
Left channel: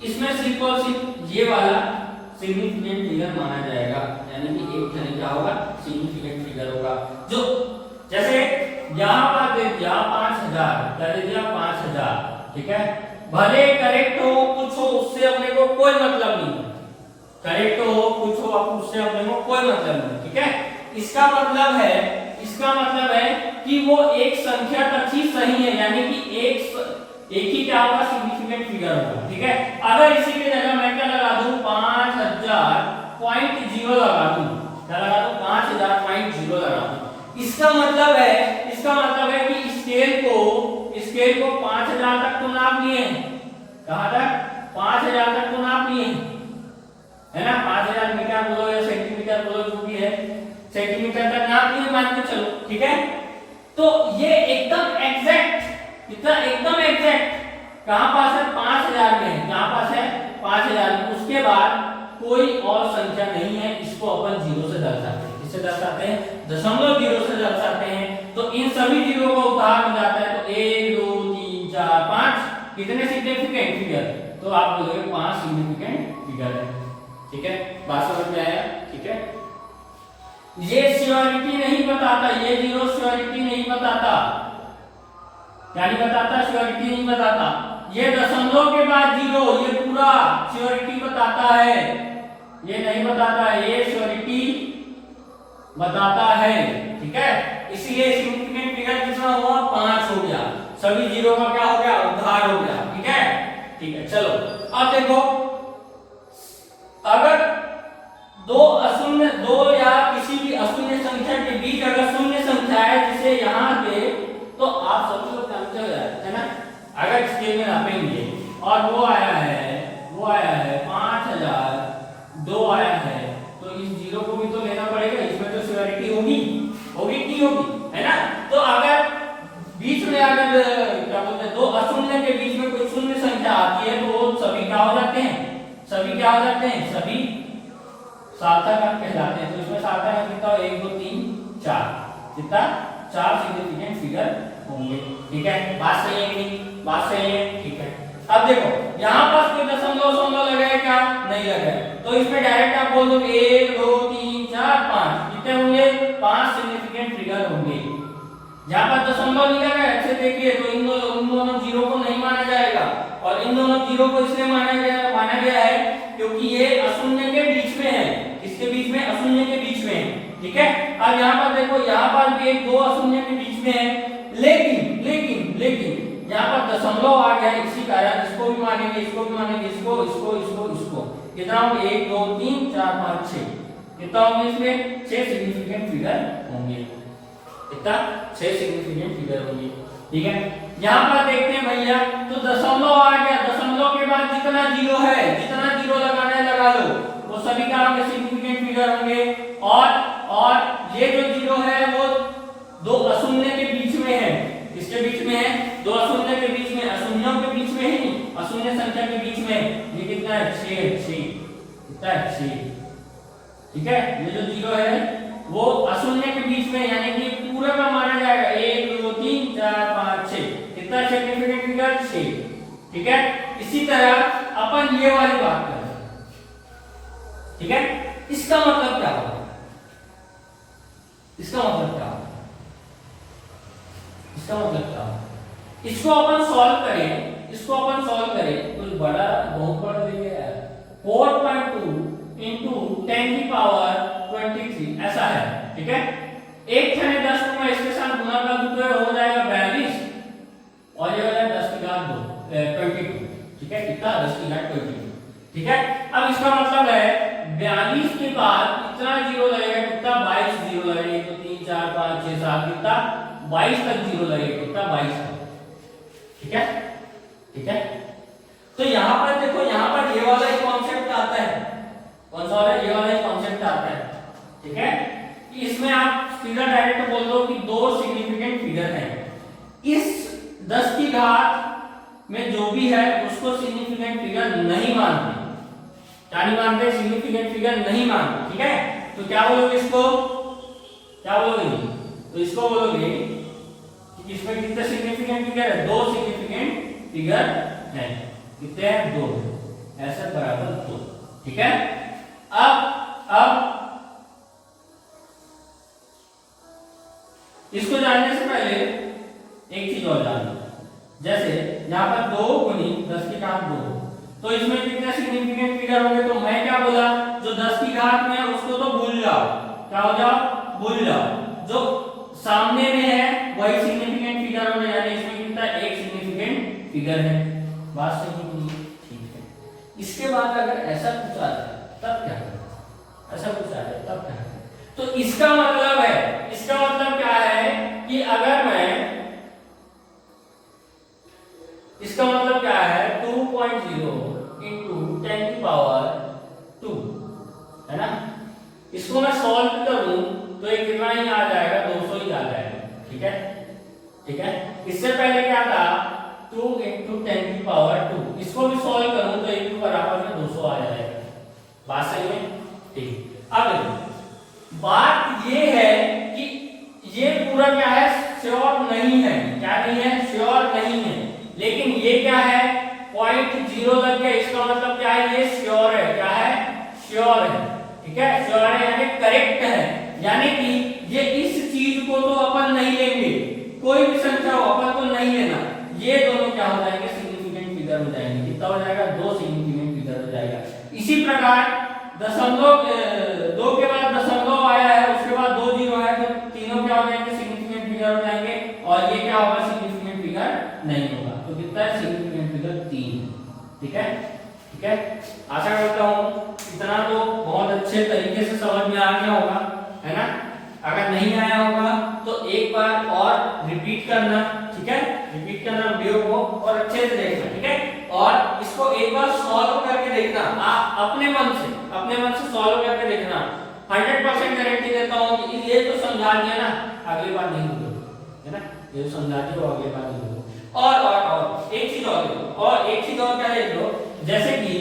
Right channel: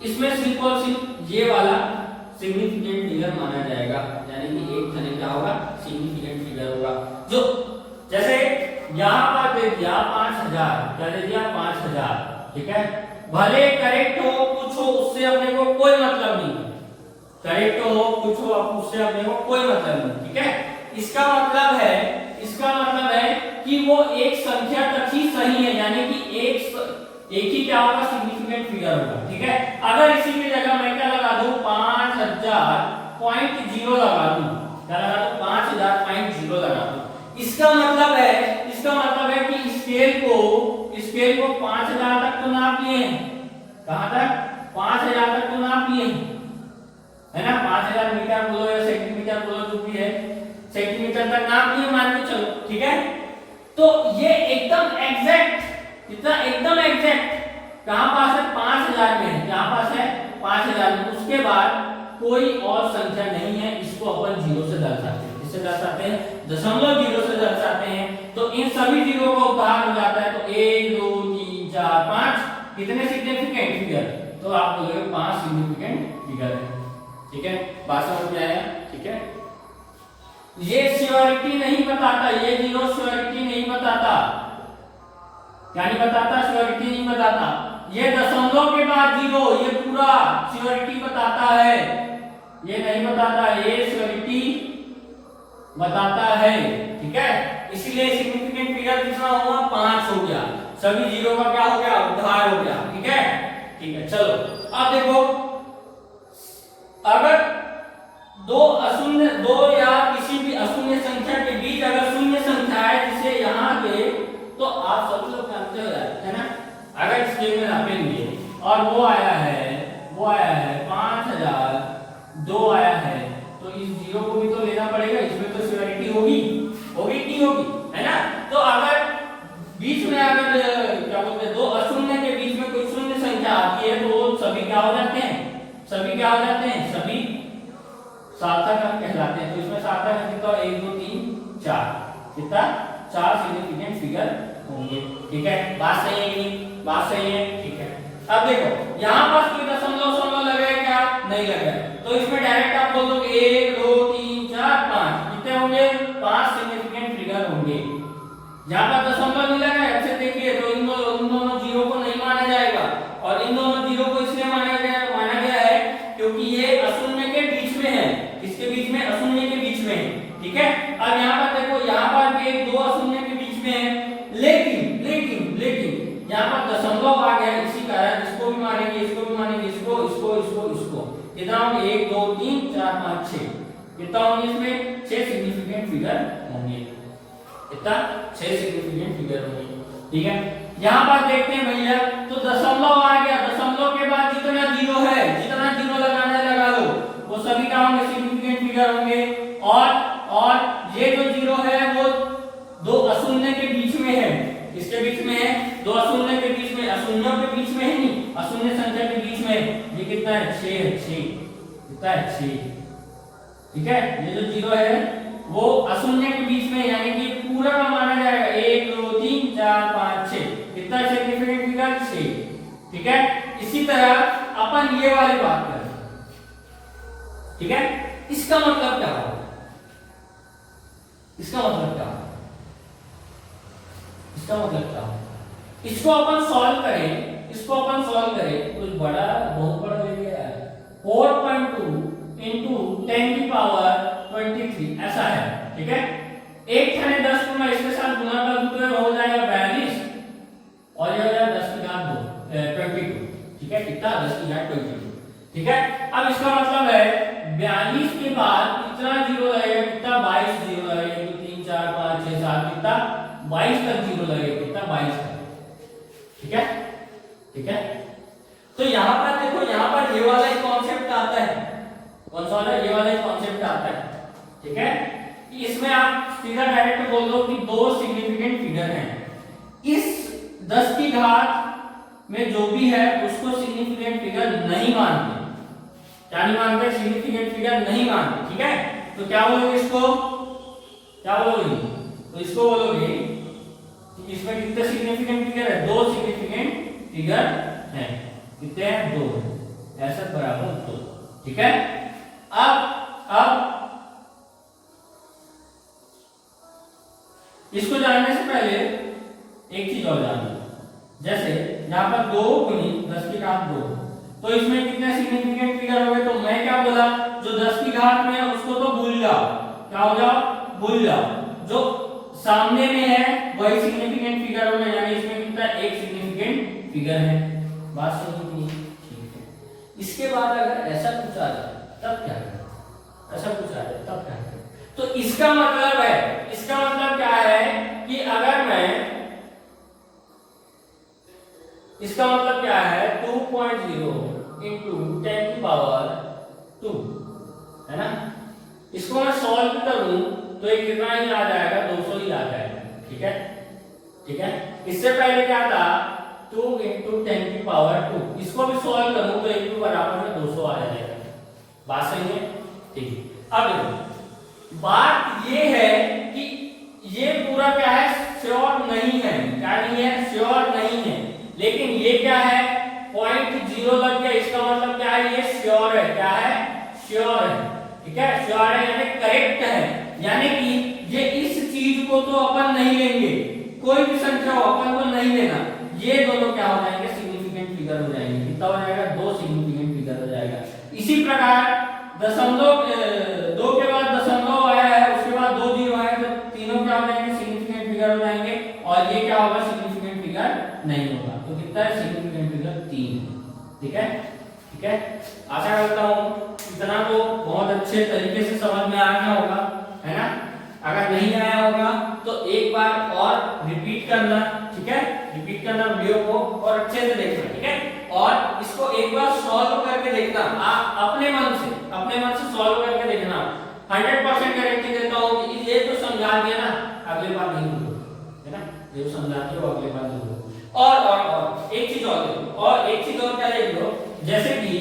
इसमें सिर्फ और सिर्फ ये वाला सिग्निफिकेंट फिगर माना जाएगा, यानी कि एक तरह का होगा सिग्निफिकेंट फिगर होगा। जो जैसे यहाँ पर दे दिया 5000, क्या दे दिया, 5000। ठीक है, भले करेक्ट हो कुछ हो उससे अपने को कोई मतलब नहीं, करेक्ट हो कुछ हो उससे अपने को कोई मतलब नहीं। ठीक है, इसका मतलब है कि वो एक संख्या तक ही सही है, यानी कि एक ही क्या होगा, सिग्निफिकेंट फिगर होगा। ठीक है, अगर इसी की जगह मैं क्या लगा दूं, 5000.0 लगा दूं, क्या लगा दूं, 5000.0 लगा दूं, इसका मतलब है कि स्केल को 5000 तक तो नाप लिए हैं। कहां तक, 5000 तक तो नाप लिए हैं, है ना, 5000 मीटर बोलो या सेंटीमीटर बोलो, जो भी है, सेंटीमीटर तक नाप लिए मान के चलो। ठीक है, तो ये एकदम एग्जैक्ट, कितना एकदम एग्जैक्ट कहां पास है, 5000 में है, कहां पास है, 5000 में। उसके बाद कोई और संख्या नहीं है, इसको अपन 0 से दर्शाते हैं। किससे दर्शाते हैं, दशमलव 0 से दर्शाते हैं। तो इन सभी जीरो का उद्धार हो जाता है। तो 1 2 3 4 5 कितने सिग्निफिकेंट फिगर, तो आप बोलोगे 5 सिग्निफिकेंट फिगर है। ठीक है, बात समझ में आया। ठीक है, ये श्योरिटी नहीं बताता, ये जीरो श्योरिटी नहीं बताता, क्या नहीं बताता, श्योरिटी नहीं बताता। ये दशमलव के बाद जीरो, ये पूरा श्योरिटी बताता है, ये नहीं बताता, ये श्योरिटी बताता है। ठीक है, इसलिए सिग्निफिकेंट फिगर कितना हुआ, 5 हो गया, सभी जीरो का क्या हो गया, उद्धार हो गया। ठीक है, ठीक है, चलो अब देखो, अगर दो या किसी भी अशून्य संख्या के बीच अगर शून्य संख्या है जिसे यहाँ के, तो आप सब लोग जानते हो है ना, अगर स्केल में नापेंगे और वो आया है 5000, 2 आया है, तो इस जीरो को भी तो लेना पड़ेगा, इसमें तो श्योरिटी होगी कि होगी, है ना। तो अगर बीच में अगर क्या बोलते हैं, 2 अशून्य के बीच में कोई शून्य संख्या आती है, तो सभी क्या हो जाते हैं, सभी सार्थक अंक कहलाते हैं। तो इसमें सार्थक अंक कितना, 1 2 3 4, कितना, 4 सिग्निफिकेंट फिगर होंगे। ठीक है, बात सही है कि नहीं, बात सही है। ठीक है, अब देखो यहाँ पर कोई दशमलव लगा है क्या, नहीं लगा है, तो इसमें डायरेक्ट आप बोल दो 1 2 3 4 5, कितने होंगे, 5 सिग्निफिकेंट फिगर होंगे। जहां पर दशमलव नहीं लगा है, अच्छे देखिए, तो इन दोनों जीरो को नहीं माना जाएगा, और इन दोनों जीरो को इसलिए माना गया है क्योंकि ये अशून्य के बीच में है। किसके बीच में, अशून्य के बीच में है। ठीक है, अब यहाँ पर देखो, यहाँ पर भी 2 अशून्य के बीच में है, लेकिन यहाँ पर दशमलव आ गया, इसी कारण इसको भी मानेंगे, इसको कितना होंगे, 1 2 3 4 5 6, कितना होंगे, इसमें 6 सिग्निफिकेंट फिगर होंगे, कितना, 6 सिग्निफिकेंट फिगर होंगे। ठीक है, यहाँ पर देखते हैं भैया, तो दशमलव आ गया, दशमलव के बाद जितना जीरो लगाना है लगा लो, वो सभी का होंगे सिग्निफिकेंट फिगर होंगे। और ये जो जीरो है वो 2 अशून्य के बीच में है, किसके बीच में है, 2 अशून्य के बीच में, अशून्यों के बीच में है नहीं, अशून्य संख्या के बीच में। ये कितना है, 6 कितना है, 6। ठीक है, ये जो जीरो है वो अशून्य के बीच में, यानी कि पूरा का माना जाएगा, 1 2 3 4 5 6, कितना सिग्निफिकेंट फिगर, 6। ठीक है, इसी तरह अपन ये वाली बात कर रहे हैं, ठीक है। इसका मतलब क्या होगा, इसका मतलब क्या होगा, इसका मतलब क्या होगा, इसको अपन सॉल्व करें, इसको अपन सॉल्व करें, कुछ बड़ा बहुत बड़ा ले लिया है, 4.2 इंटू 10 की पावर 23 ऐसा है, ठीक है। एक थाने 10 को मैं इसके साथ गुना कर दूं तो हो जाएगा 42 और ये हो जाएगा 10 की घात 2 22, ठीक है। कितना 10 की घात 22, ठीक है। अब इसका मतलब है 42 के बाद कितना जीरो लगेगा, कितना 22 जीरो लगेगा, तो 3 4 5 6 7 कितना 22 तक जीरो लगेगा, कितना 22 तक, ठीक है, ठीक है। तो यहां पर देखो, यहां पर ये वाला एक कॉन्सेप्ट आता है, कौन सा वाला, ये वाला कॉन्सेप्ट आता है, ठीक है। कि इसमें आप सीधा डायरेक्ट बोल दो कि दो सिग्निफिकेंट फिगर हैं, इस 10 की घात में जो भी है उसको सिग्निफिकेंट फिगर नहीं मानते, क्या नहीं मानते, सिग्निफिकेंट फिगर नहीं मानते, ठीक है। तो क्या बोलोगे इसको, क्या बोलोगे, तो इसको बोलोगे कि इसमें कितने सिग्निफिकेंट फिगर है, दो सिग्निफिकेंट फिगर है, कितने हैं, दो, ऐसा बराबर 2, ठीक है। अब इसको जानने से पहले एक चीज और जानना, जैसे यहाँ पर 2 गुनी 10 की घात 2, तो इसमें कितने सिग्निफिकेंट फिगर होंगे, तो मैं क्या बोला, जो 10 की घात में है उसको तो भूल जाओ, क्या हो जाओ, भूल जाओ, जो सामने में है वही सिग्निफिकेंट फिगर होगा, यानी इसमें कितना एक सिग्निफिकेंट फिगर है, बात सही नहीं, ठीक है। इसके बाद अगर ऐसा कुछ आ जाए तब क्या करें, ऐसा कुछ आ जाए तब क्या करें, तो इसका मतलब है, इसका मतलब क्या है कि अगर मैं, इसका मतलब क्या है 2.0 इंटू 10 की पावर 2 है ना, इसको मैं सॉल्व करूं तो ये कितना ही आ जाएगा, 200 ही आ जाएगा, ठीक है, ठीक है। इससे पहले क्या था 2 इंटू 10 की पावर 2, इसको भी सॉल्व करूं तो एक बराबर में 200 आ जाएगा, बात सही है, ठीक। अब बात ये है कि ये पूरा क्या है, श्योर नहीं है, क्या नहीं है, श्योर नहीं है, लेकिन ये क्या है 0.0 लग गया, इसका मतलब क्या है, ये श्योर है, क्या है, श्योर है, ठीक है, श्योर है यानी करेक्ट है, यानी कि ये इस चीज को तो अपन नहीं लेंगे, कोई भी संख्या हो अपन को नहीं लेना, ये दोनों क्या हो जाएंगे, सिग्निफिकेंट फिगर हो जाएंगे, कितना हो जाएगा, दो सिग्निफिकेंट फिगर हो जाएगा। इसी प्रकार दशमलव 2 के बाद दशमलव आया है, उसके बाद 2 जीरो है, तो तीनों क्या हो जाएंगे, सिग्निफिकेंट फिगर हो जाएंगे, और ये क्या होगा, सिग्निफिकेंट फिगर नहीं होगा, तो कितना है, सिग्निफिकेंट फिगर 3, ठीक है, ठीक है। आशा करता हूँ इतना तो बहुत अच्छे तरीके से समझ में आ गया होगा, है ना। अगर नहीं आया होगा तो एक बार और रिपीट करना, ठीक है, रिपीट करना वीडियो को और अच्छे से देखना, ठीक है, और इसको एक बार सॉल्व करके देखना, आप अपने मन से सॉल्व करके देखना, 100% गारंटी देता हूँ कि ये तो समझा दिया ना, अगली बार नहीं भूलो, है ना, ये तो समझा दिया अगली बार नहीं भूलो। और एक चीज और देखो, और एक चीज और क्या देख लो, जैसे कि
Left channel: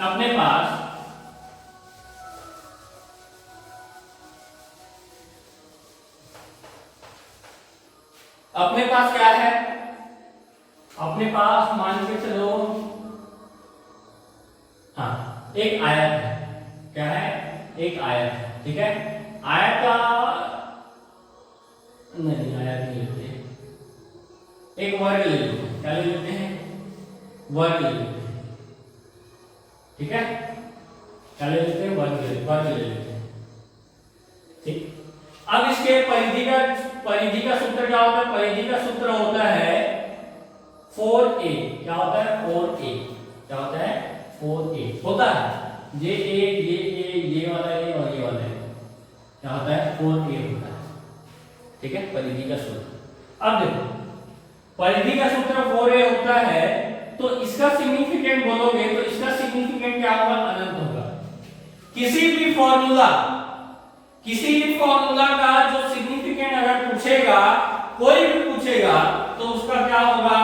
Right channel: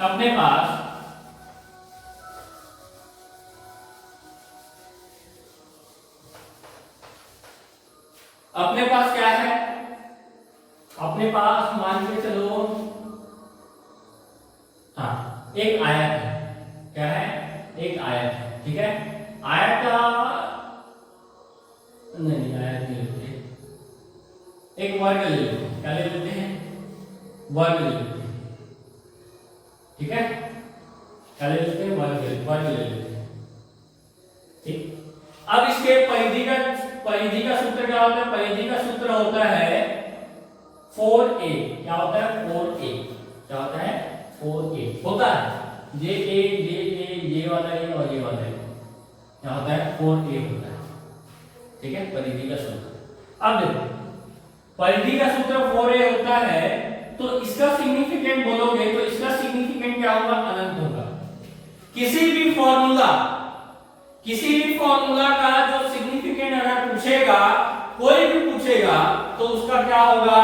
अपने पास क्या है, अपने पास मान के चलो, हाँ एक आयत है, क्या है, एक आयत है, ठीक है। आयत का नहीं, आयत नहीं लेते, एक वर्ग ले लो, क्या ले लेते हैं, वर्ग ले लेते हैं, ठीक है, क्या ले लेते हैं, वर्ग ले लेते हैं, ठीक। अब इसके परिधि का सूत्र क्या होता है, परिधि का सूत्र होता है 4a, क्या होता है, 4a, क्या होता है, 4a होता है, ये वाला है और ये वाला है, क्या होता है, 4a होता है, ठीक है, परिधि का सूत्र। अब देखो परिधि का सूत्र 4a होता है, तो इसका सिग्निफिकेंट बोलोगे तो इसका सिग्निफिकेंट क्या होगा, अनंत होगा। किसी भी फॉर्मूला का जो सिग्निफिकेंट अगर पूछेगा, कोई भी पूछेगा, तो उसका क्या होगा,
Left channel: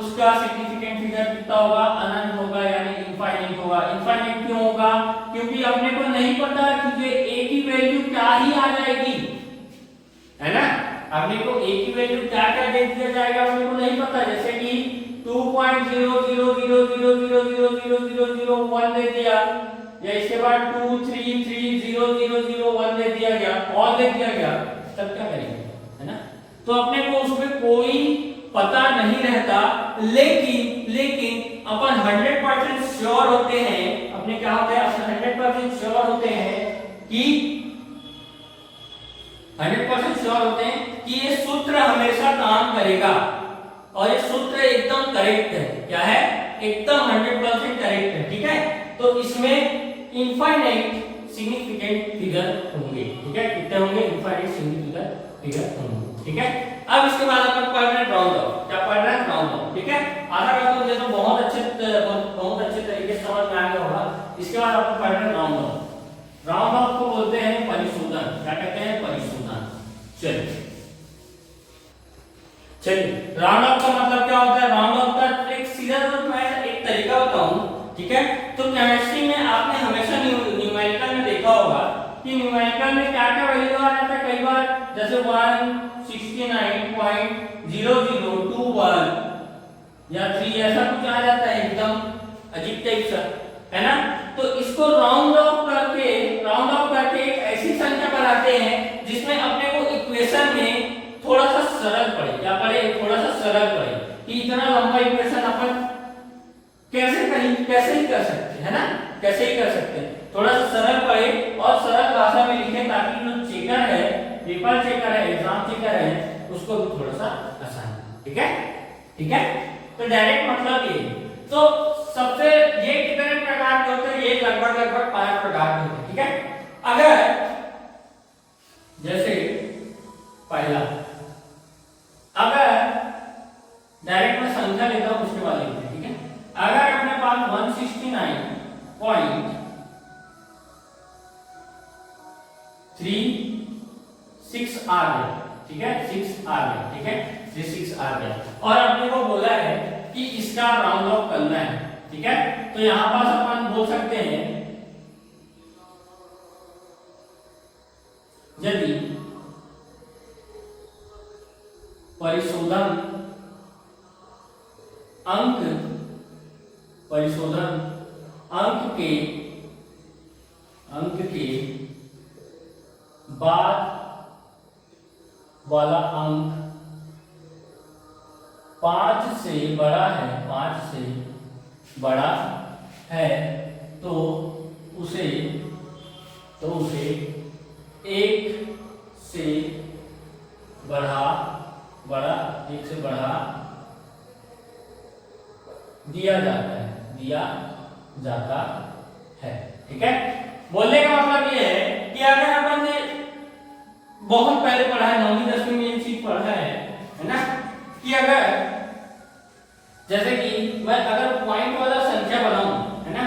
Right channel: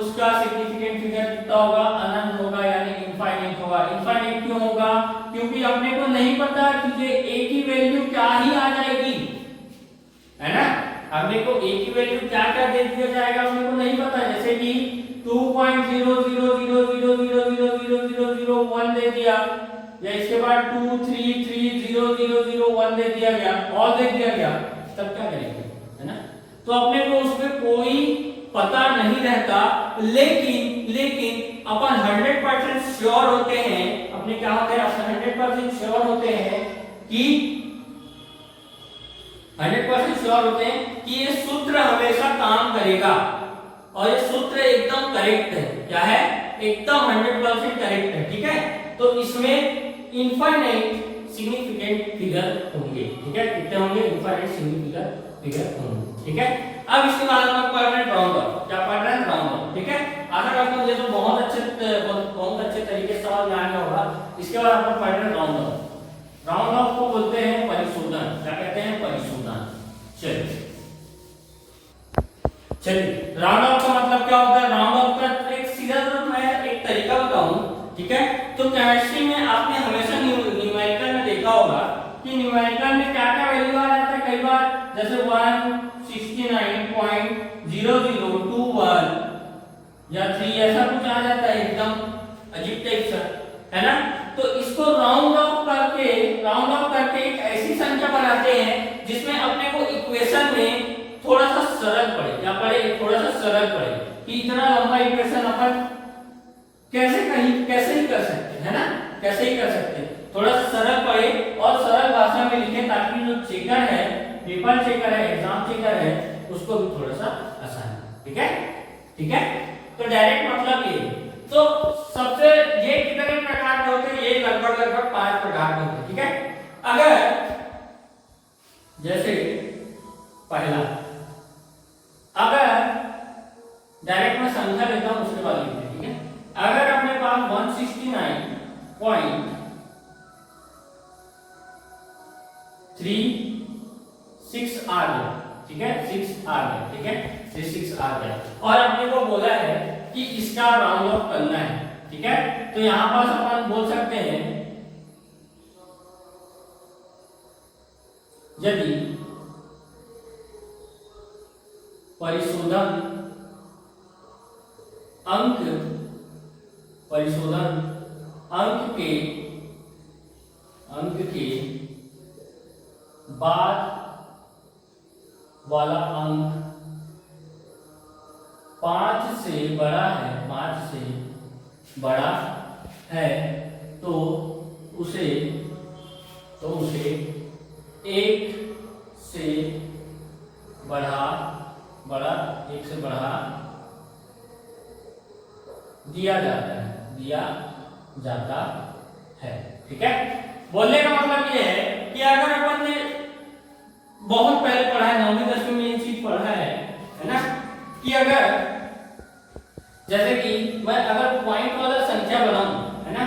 उसका सिग्निफिकेंट फिगर कितना होगा, अनंत होगा, यानी इनफाइनाइट होगा। इनफाइनाइट क्यों होगा, क्योंकि अपने को नहीं पता कि ये a की वैल्यू क्या ही आ जाएगी, है ना। अपने को a की वैल्यू क्या क्या दे दिया जाएगा अपने को नहीं पता, जैसे कि 2.00000000001 दे दिया, या इसके बाद 233000001 दे दिया गया, ऑल दे दिया गया, तब क्या करेंगे, है ना। तो अपने को उसमें कोई पता नहीं रहता, लेकिन अपन 100% श्योर होते हैं, अपने क्या होते हैं, अपन 100% श्योर होते हैं कि 100% श्योर होते हैं कि ये सूत्र हमेशा काम करेगा, और ये सूत्र एकदम करेक्ट है। क्या है, एकदम 100% करेक्ट है, ठीक है। तो इसमें इनफाइनाइट सिग्निफिकेंट फिगर होंगे, ठीक है, कितने होंगे, इनफाइनाइट सिग्निफिकेंट फिगर होंगे, ठीक है। अब इसके बाद अपन पढ़ रहे हैं राउंड ऑफ, क्या पढ़ रहे हैं, राउंड ऑफ, ठीक है। आशा करता हूं ये तो बहुत अच्छे तरीके से समझ में आ गया होगा। इसके बाद अपन पढ़ रहे हैं राउंड ऑफ। राउंड ऑफ को बोलते हैं परिशोधन, क्या कहते हैं, परिशोधन। चलिए राउंड ऑफ का मतलब क्या होता है, राउंड ऑफ का एक सीधा मैं एक तरीका बताऊं, ठीक है। तो केमिस्ट्री में आपने हमेशा न्यूमेरिकल में देखा होगा कि न्यूमेरिकल में क्या क्या वैल्यू आ जाता है, कई बार जैसे 169.0021 या 3 ऐसा कुछ आ जाता है, एकदम अजीब टाइप सा, है ना। तो इसको राउंड ऑफ करके एक ऐसी संख्या बनाते हैं जिसमें अपने को इक्वेशन में थोड़ा सा सरल पड़े, क्या पड़े, थोड़ा सा सरल पड़े, कि इतना लंबा इक्वेशन अपन कैसे ही कर सकते हैं, है ना, कैसे ही कर सकते हैं, थोड़ा सरल पड़े और सरल भाषा में लिखे, ताकि जो चेकर है, पेपर चेकर है, एग्जाम चेकर है, उसको भी थोड़ा सा आसान, ठीक है, ठीक है। तो डायरेक्ट मतलब ये, तो सबसे ये कितने प्रकार के होते हैं, ये लगभग 5 प्रकार के होते हैं, ठीक है। अगर जैसे पहला, अगर डायरेक्ट मैं संख्या लेता हूं उसके बाद लिखते हैं, ठीक है। अगर अपने पास 169.36 आ गया, ठीक है, 6 आ गया, ठीक है, 36 आ गया, और अपने को बोला है कि इसका राउंड ऑफ करना है, ठीक है। तो यहां पास अपन बोल सकते हैं, यदि परिशोधन अंक के बाद वाला अंक 5 से बड़ा है, तो उसे 1 से बढ़ा दिया जाता है, ठीक है। बोलने का मतलब ये है कि अगर अपन ने बहुत पहले पढ़ा है, 9वीं 10वीं में ये चीज पढ़ा है ना, कि अगर जैसे कि मैं अगर पॉइंट वाला संख्या बनाऊं, है ना,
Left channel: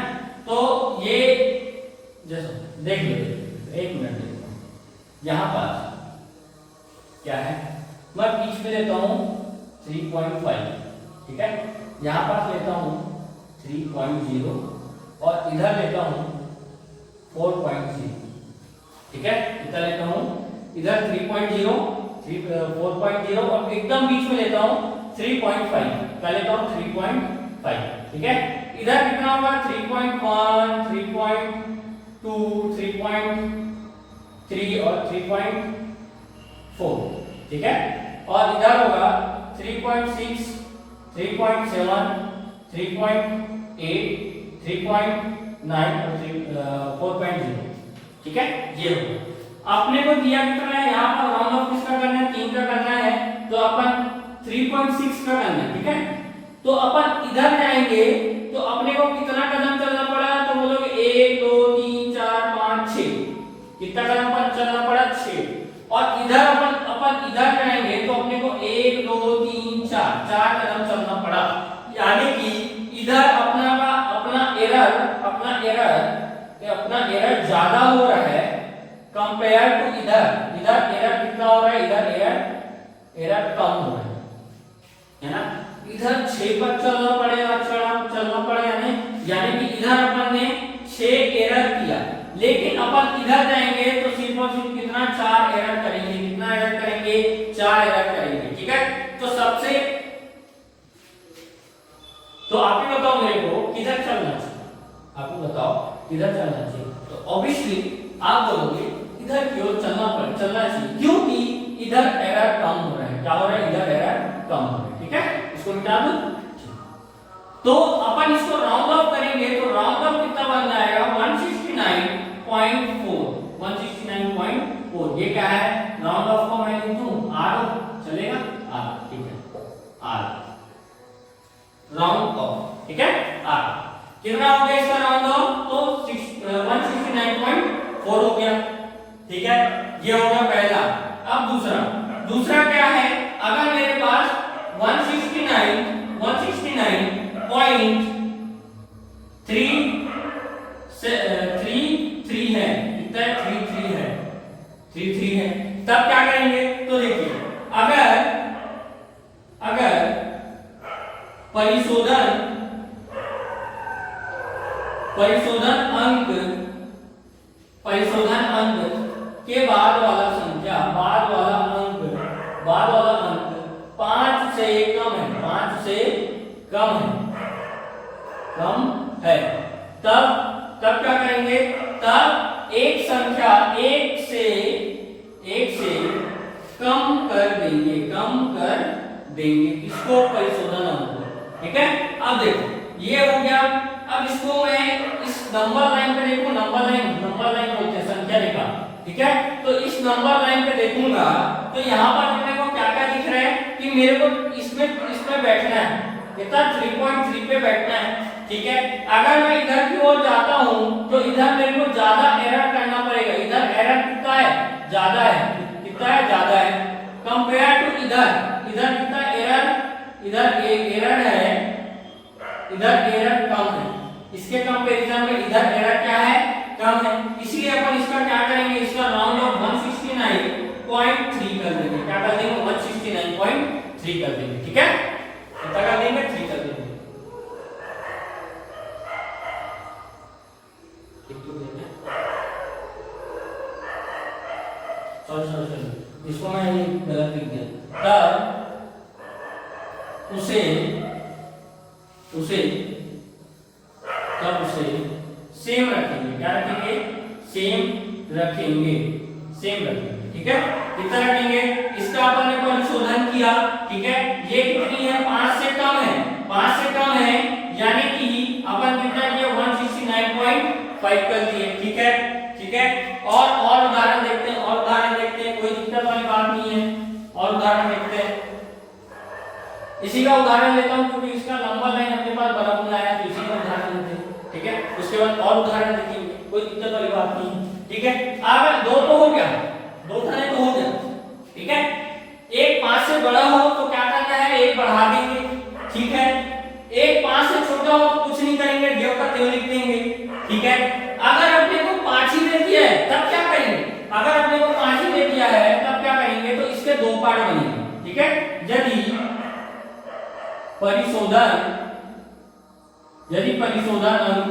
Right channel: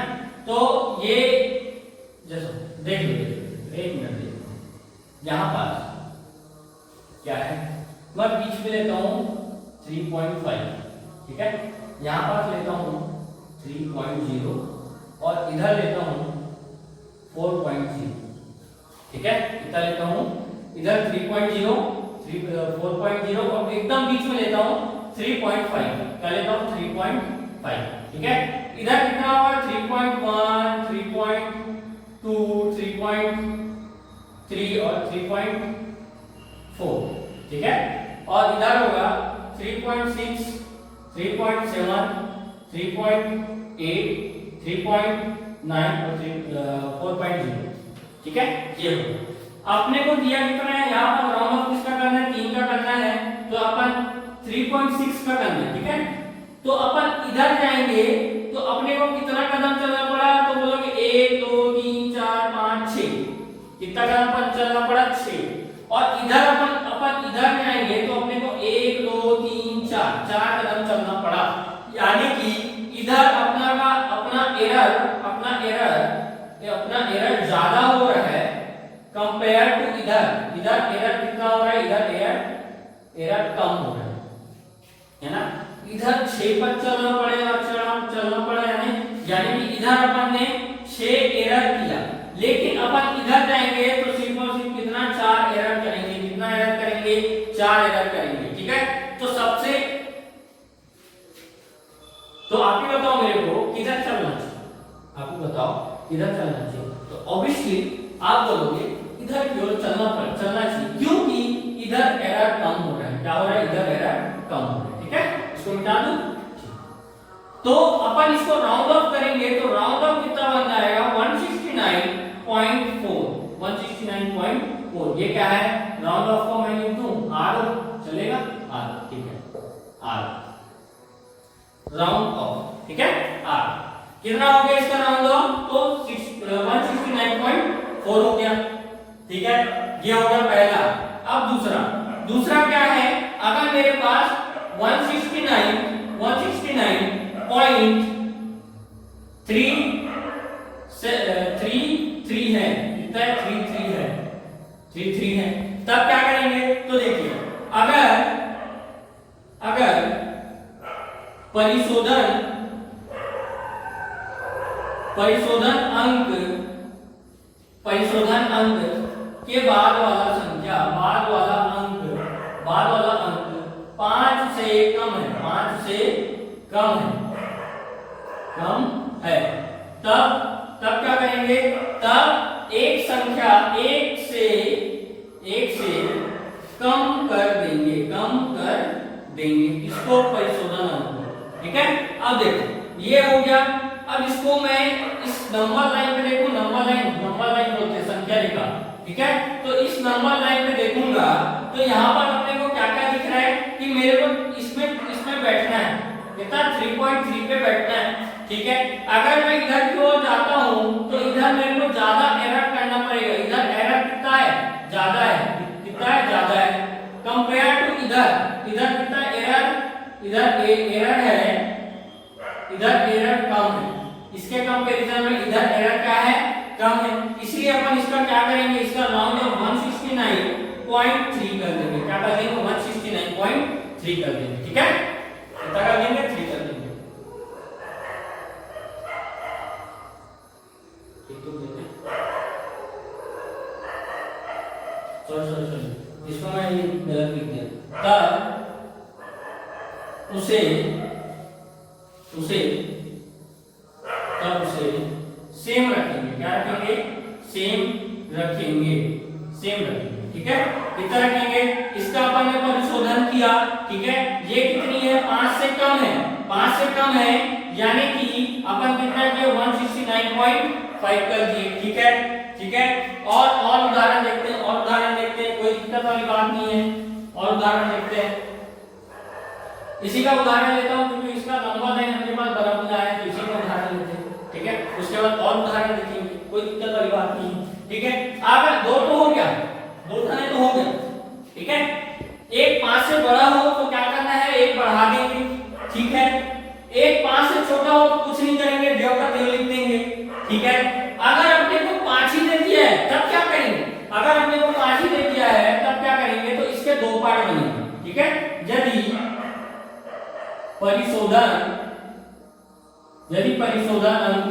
तो ये जैसे देख लो, 1 मिनट देखता हूं, यहां पास क्या है, मैं बीच में लेता हूं 3.5, ठीक है, यहां पास लेता हूं 3.0 और इधर लेता हूं 4.0, ठीक है, इधर लेता हूं, इधर 3.0 4.0 और एकदम बीच में लेता हूं 3.5, क्या लेता हूं 3.5, ठीक है। इधर कितना होगा 3.1 3.2 3.3 और 3.4, ठीक है। और इधर होगा 3.6 3.7 3.8 3.9 और 4.0, ठीक है, ये होगा। अपने को दिया कितना है, यहाँ पर राउंड ऑफ किसका करना है, 3 का करना है, तो अपन 3.6 का करना है, ठीक है। तो अपन इधर जाएंगे तो अपने को कितना कदम चलना पड़ा, तो बोलोगे 1 2 3 4 5 6, कितना कदम पर चलना पड़ा 6, और इधर अपन इधर जाएंगे तो अपने को 1 2 3 4 कदम चलना पड़ा, यानी कि इधर अपना एरर ज्यादा हो रहा है कंपेयर टू इधर एरर कितना हो रहा है, इधर एरर कम हो रहा है ना। इधर 6 पर चलना पड़ेगा, यानी कि इधर अपन ने 6 एरर किया, लेकिन अपन इधर जाएंगे तो सिर्फ और सिर्फ कितना 4 एरर करेंगे, कितना एरर करेंगे 4 एरर करेंगे, ठीक है। तो सबसे तो आप ही बताओ मेरे को किधर चलना चाहिए, आप ही बताओ किधर चलना चाहिए। तो ऑब्वियसली आप बोलोगे इधर की ओर चलना चाहिए, क्योंकि इधर एरर कम हो रहा है। क्या हो रहा है? इधर एरर कम हो रहा है, ठीक है। इसको मिटा दो। तो अपन इसको राउंड ऑफ करेंगे तो राउंड ऑफ कितना बन जाएगा? 169.4। 169.4 ये क्या है? राउंड ऑफ को मैं लिखूं आर, चलेगा? आर, ठीक है, आर राउंड ऑफ, ठीक है। आर कितना हो गया इसका राउंड ऑफ? तो 169.4 हो गया, ठीक है। ये हो गया पहला। अब दूसरा क्या है? अगर मेरे पास 169.3 है, कितना है? 33 है, तब क्या करेंगे? तो देखिए, अगर परिशोधन अंक के बाद वाला संख्या, बाद वाला अंक 5 से कम है, 5 से कम है, तब क्या करेंगे? तब एक संख्या 1 से कम कर देंगे इसको, परिशोधन अंक को, ठीक है। अब देखो ये हो गया। अब इसको मैं इस नंबर लाइन पे देखूं, नंबर लाइन बोलते हैं संख्या रेखा, ठीक है। तो इस नंबर लाइन पे देखूंगा तो यहाँ पर अपने को क्या क्या दिख रहा है कि मेरे को इसमें बैठना है, कितना? 3.3 पे बैठना है, ठीक है। अगर मैं इधर की ओर जाता हूँ तो इधर मेरे को ज्यादा एरर करना पड़ेगा। इधर एरर कितना है? ज्यादा है, कितना है? ज्यादा है कंपेयर टू इधर कितना एरर? इधर है, इधर एरर कम है। इसके कंपैरिजन में इधर एरर क्या है? कम है। इसीलिए अपन इसका क्या करेंगे? इसका राउंड ऑफ 169.3 कर देंगे। क्या कर देंगे? 169.3 कर देंगे, ठीक है। कितना कर देंगे? 3 कर देंगे, ठीक। तो सॉरी इसको मैं ये गलत लिख दिया। तब उसे सेम रखेंगे। क्या रखेंगे? सेम रखेंगे, ठीक है। कितना रखेंगे? इसका अपन ने परिशोधन किया, ठीक है। ये कितनी है? 5 से कम है, 5 से कम है, यानी कि अपन कितना किया? 169.5 कर दिए, ठीक है। और उदाहरण देखते हैं, कोई दिक्कत वाली बात नहीं है। और उदाहरण देखते हैं, इसी का उदाहरण लेता हूं क्योंकि इसका नंबर लाइन अपने पास बराबर आया, तो इसी का उदाहरण लेते हैं, ठीक है। उसके बाद और उदाहरण देखेंगे, कोई दिक्कत वाली बात नहीं है, ठीक है। अब 2 तो हो गया, 2 थाने तो हो गया, ठीक है। एक 5 से बड़ा हो तो क्या करना है? 1 बढ़ा देंगे, ठीक है। एक 5 से छोटा हो तो कुछ नहीं करेंगे, देव का देव लिख देंगे, ठीक है। अगर अपने को 5 ही दे दिया है तब क्या करेंगे? अगर अपने को 5 ही दे दिया है तब क्या करेंगे? तो इसके 2 पार्ट बनेंगे, ठीक है। यदि परिशोधन अंक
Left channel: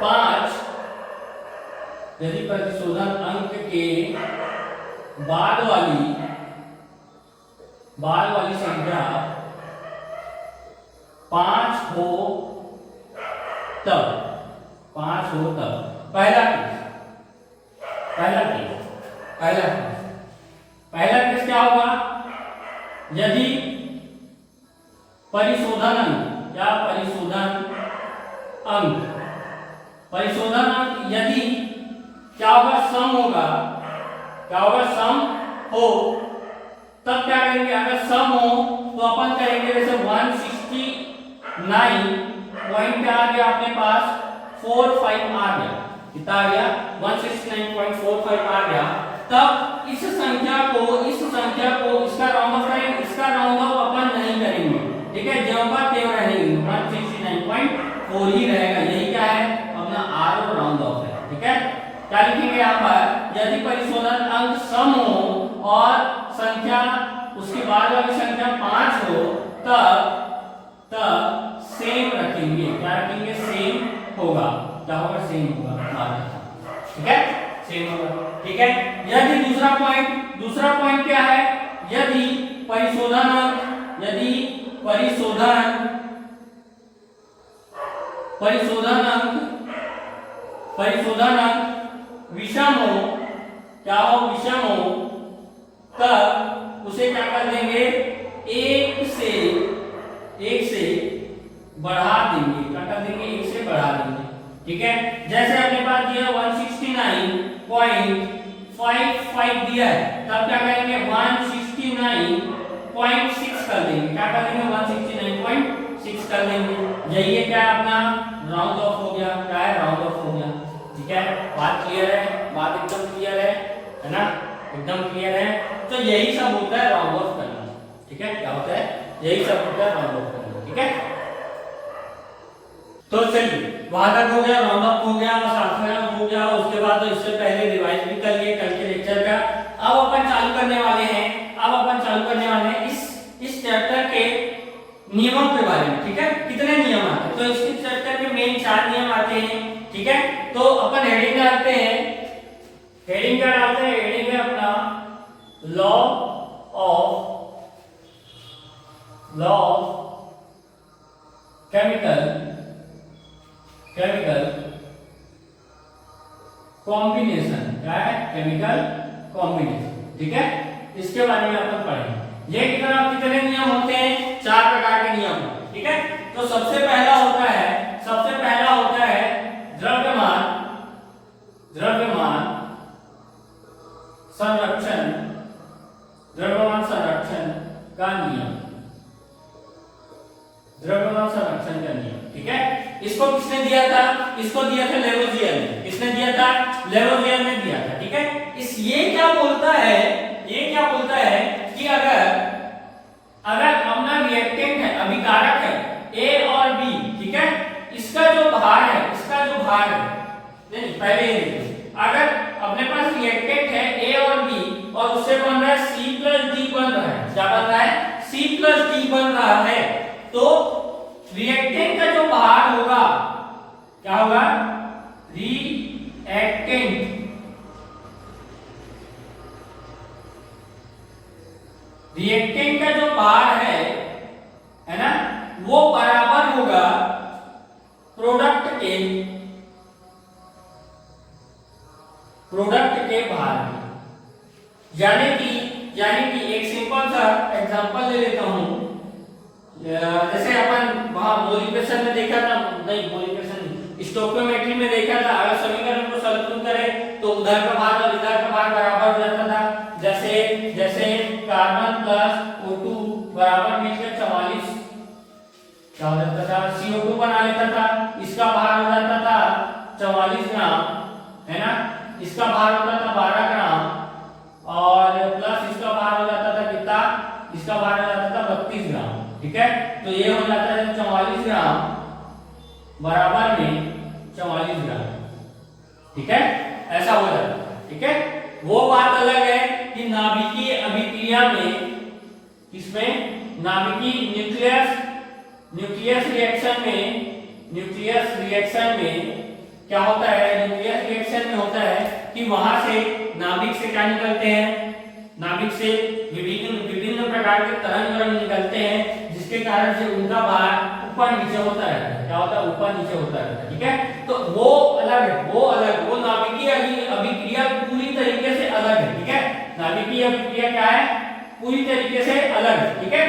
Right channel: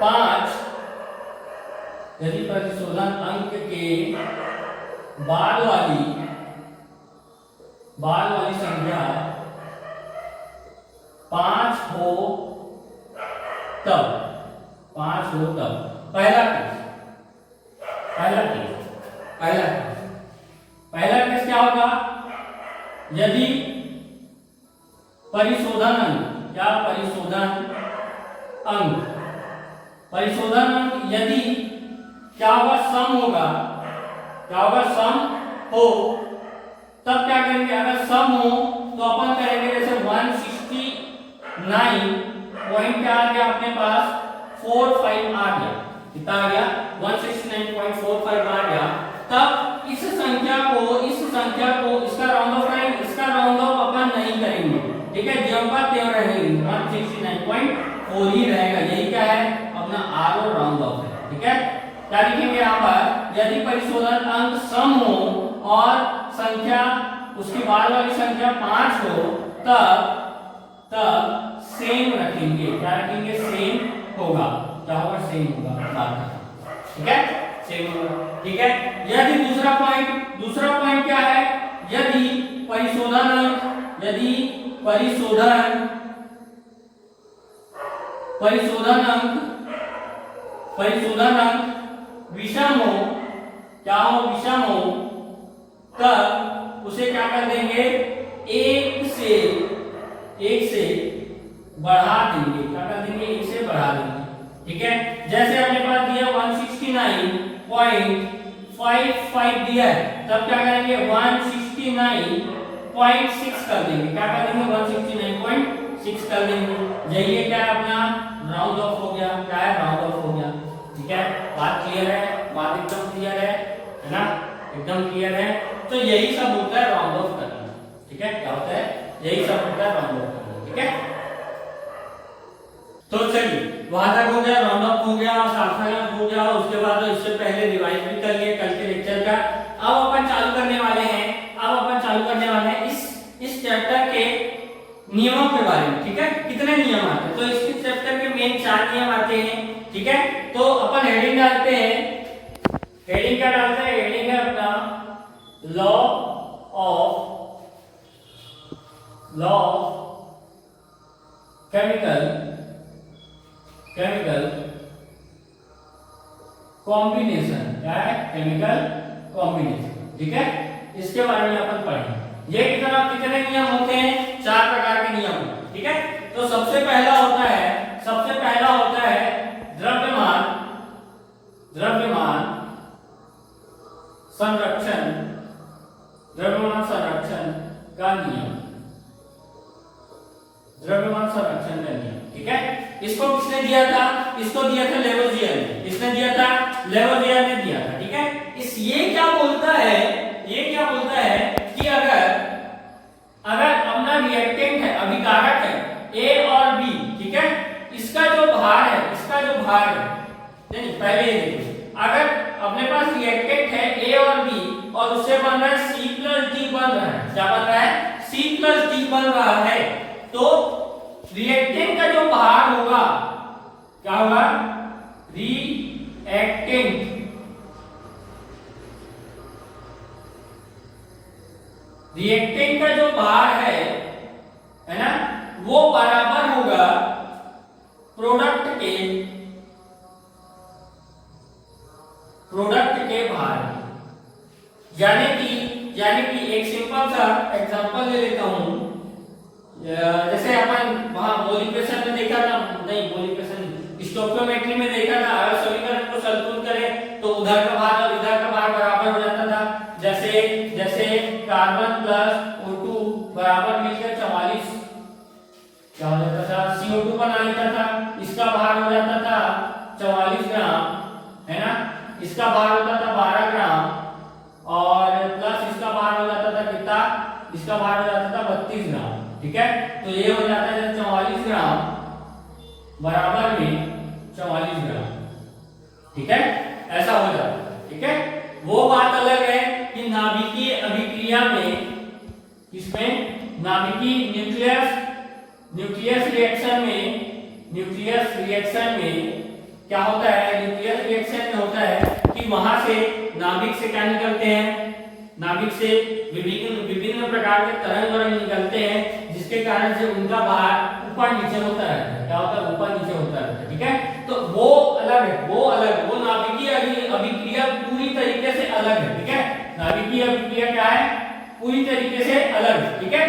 5, यदि परिशोधन अंक के बाद वाली संख्या 5 हो तब पहला केस क्या होगा? यदि परिशोधन अंक यदि क्या होगा? सम हो तब क्या करेंगे? अगर सम हो तो अपन करेंगे जैसे 169 पॉइंट क्या आ गया अपने पास? 45 आ गया। कितना आ गया? 169.45 आ गया। तब इस संख्या को इसका राउंड ऑफ करेंगे, इसका राउंड ऑफ अपन नहीं करेंगे, ठीक है। जो का त्यों रहेंगे, 169.4 ही रहेगा। यही क्या है? अपना आर और राउंड ऑफ है, ठीक है। क्या लिखेंगे यहाँ पर? यदि परिशोधन अंक सम हो और संख्या उसके बाद वाली संख्या 5 हो तब सेम रखेंगे। क्या रखेंगे? सेम होगा। क्या होगा? सेम होगा, ठीक है, सेम होगा, ठीक है। यदि दूसरा दूसरा पॉइंट क्या है, यदि परिशोधन अंक विषम हो, क्या हो, विषम हो, तब उसे क्या कर देंगे, एक से बढ़ा देंगे, क्या कर देंगे, एक से बढ़ा देंगे। ठीक है, जैसे अपने पास दिया 169.55 दिया है, तब क्या करेंगे 169.6 कर देंगे, क्या कर देंगे 169.6 कर देंगे। यही है क्या अपना राउंड ऑफ हो गया, क्या है, राउंड ऑफ हो गया। ठीक है, बात क्लियर है, बात एकदम क्लियर है ना, एकदम क्लियर है। तो यही सब होता है राउंड ऑफ करना। ठीक है, क्या होता है, यही सब होता है राउंड ऑफ करना। ठीक है, तो चलिए वहां तक हो गया, राउंड ऑफ हो गया और सार्थक हो गया। उसके बाद तो इससे पहले रिवाइज भी कर लिए कल के लेक्चर का। अब अपन चालू करने वाले हैं इस चैप्टर के नियमों के बारे में। ठीक है, कितने नियम आते हैं, तो इस चैप्टर के मेन 4 नियम आते हैं। ठीक है, तो अपन हेडिंग डालते हैं, हेडिंग क्या डालते हैं, हेडिंग है अपना लॉ ऑफ केमिकल कॉम्बिनेशन, क्या है, केमिकल कॉम्बिनेशन। ठीक है, इसके बारे में अपन पढ़ेंगे। ये कितने नियम होते हैं, 4 प्रकार के नियम। ठीक है, तो सबसे पहला होता है द्रव्यमान संरक्षण का नियम, द्रव्यमान संरक्षण का नियम। ठीक है, इसको किसने दिया था, इसको दिया था लेवोजियर ने। किसने दिया था, लेवोजियर ने दिया था। ठीक है, ये क्या बोलता है कि अगर अपना रिएक्टेंट है, अभिकारक है ए और बी, ठीक है, इसका जो भार है, नहीं पहले ये देखिए, अगर अपने पास रिएक्टेंट है ए और बी और उससे बन रहा है C+D बन रहा है, क्या बन रहा है, C+D बन रहा है, तो रिएक्टेंट का जो भार होगा, क्या होगा, रिएक्टेंट का जो भार है ना, वो बराबर होगा प्रोडक्ट के भार। यानी कि एक सिंपल सा एग्जांपल ले लेता हूं, जैसे अपन वहां मोलिक प्रेशर में देखा था, नहीं मोलिक प्रेशर नहीं, स्टोइकियोमेट्री में देखा था, अगर समीकरण को संतुलित करें तो उधर का भार और इधर का भार बराबर हो जाता था। जैसे कार्बन प्लस O2 बराबर मिलकर 44, क्या हो जाता था, CO2 बना लेता था, इसका भार हो जाता था 44 ग्राम, है ना, इसका भार होता था 12 ग्राम और प्लस इसका भार हो जाता था कितना, इसका भार हो जाता था 32 ग्राम। ठीक है, तो ये हो जाता है 44 ग्राम बराबर में 44 ग्राम। ठीक है, ऐसा हो जाता है। ठीक है, वो बात अलग है कि नाभिकीय अभिक्रिया में, किसमें, नाभिकीय न्यूक्लियस रिएक्शन में क्या होता है, न्यूक्लियस रिएक्शन में होता है कि वहां से नाभिक से क्या निकलते हैं, नाभिक से विभिन्न प्रकार के तरंग निकलते हैं, जिसके कारण से उनका भार ऊपर नीचे होता रहता है। क्या होता है, ऊपर नीचे होता रहता है। ठीक है, तो वो अलग है, वो नाभिकीय अभिक्रिया पूरी तरीके से अलग है। ठीक है, नाभिकीय अभिक्रिया क्या है, पूरी तरीके से अलग है। ठीक है,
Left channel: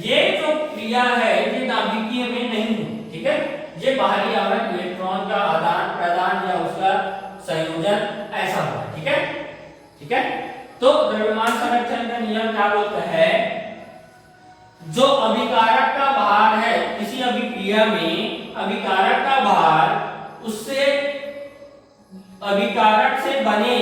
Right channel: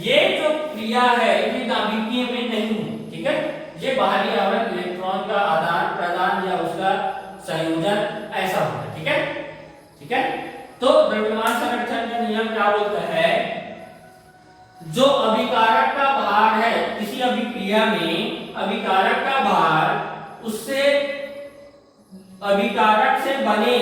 ये जो क्रिया है ये नाभिकीय में नहीं है। ठीक है, ये बाहरी आवरण इलेक्ट्रॉन का आदान प्रदान या उसका संयोजन ऐसा होता है। ठीक है, तो द्रव्यमान संरक्षण का नियम क्या बोलता है, जो अभिकारक का भार है किसी अभिक्रिया में, अभिकारक का भार उससे अभिकारक से बने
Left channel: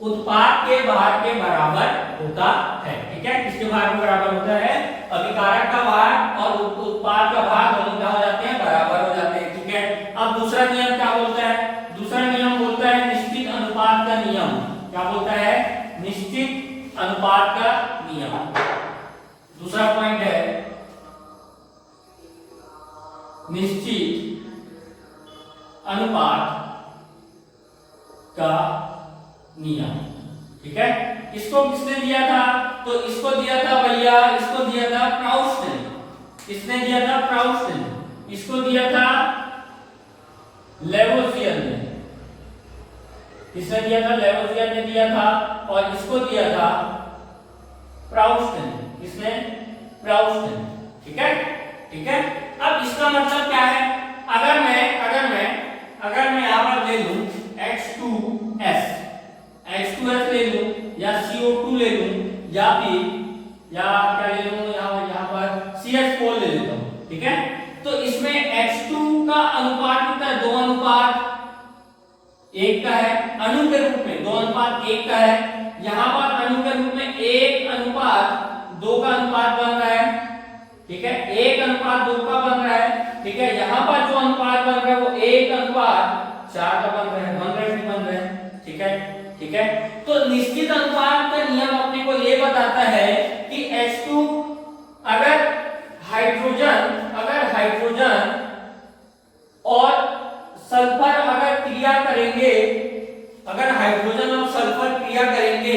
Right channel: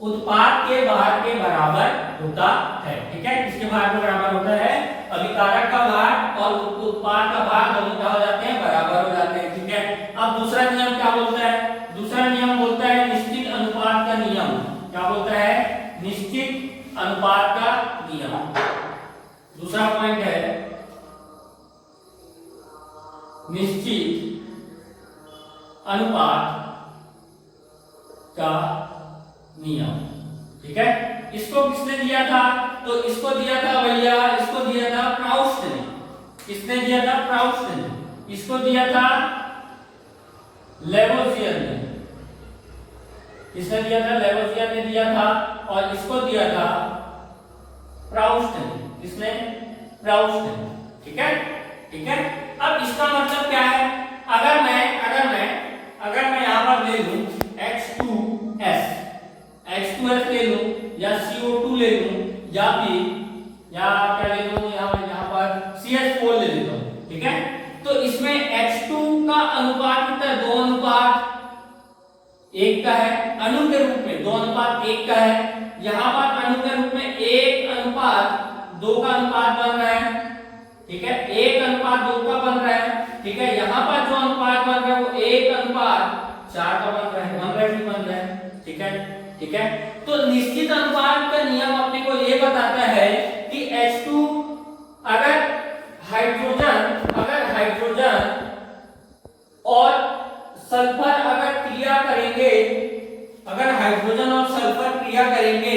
उत्पाद के भार के बराबर होता है। ठीक है, किसके भार के बराबर होता है, अभिकारक का भार और उत्पाद का भार दोनों क्या हो जाते हैं, बराबर हो जाते हैं। ठीक है, अब दूसरा नियम क्या बोलता है, दूसरा नियम बोलता है निश्चित अनुपात का नियम। क्या बोलता है, निश्चित अनुपात का नियम। दूसरा पॉइंट है निश्चित अनुपात का नियम। ठीक है, इसको किसने दिया था? तो इसको दिया था भैया, इसको दिया था प्राउस्ट ने। किसने दिया था? प्राउस्ट ने। इसको दिया था लेवोसियर ने। किसने दिया था? लेवोसियर ने दिया था। और इसको दिया था प्राउस्ट ने। किसने? प्राउस्ट ने। ठीक है, ठीक है। अब इसका मतलब क्या है? अगर मैं यहां पर ले लूं H2S ले लूं या CO2 ले लूं या फिर क्या ले लूं, यहां पर CH4 ले लेता हूं। ठीक है, तो इसमें H2 का अनुपात कितना है? 2 अनुपात 1 का है अणु के रूप में, 2 अनुपात 1 का है। यहां पर अणु के रूप में 1 अनुपात 2 का अनुपात बन रहा है। ठीक है, 1 अनुपात 2 का बन रहा है। ठीक है, यहां पर जो अनुपात बन रहा है वो 1 अनुपात 4 का बन रहा है, बन रहा है। ठीक है, ठीक है। तो निश्चित अनुपात का नियम अपने को ये बताता है कि H2 अगर हाइड्रोजन और सल्फर अगर क्रिया करेंगे, अगर हाइड्रोजन और सल्फर क्रिया करेंगे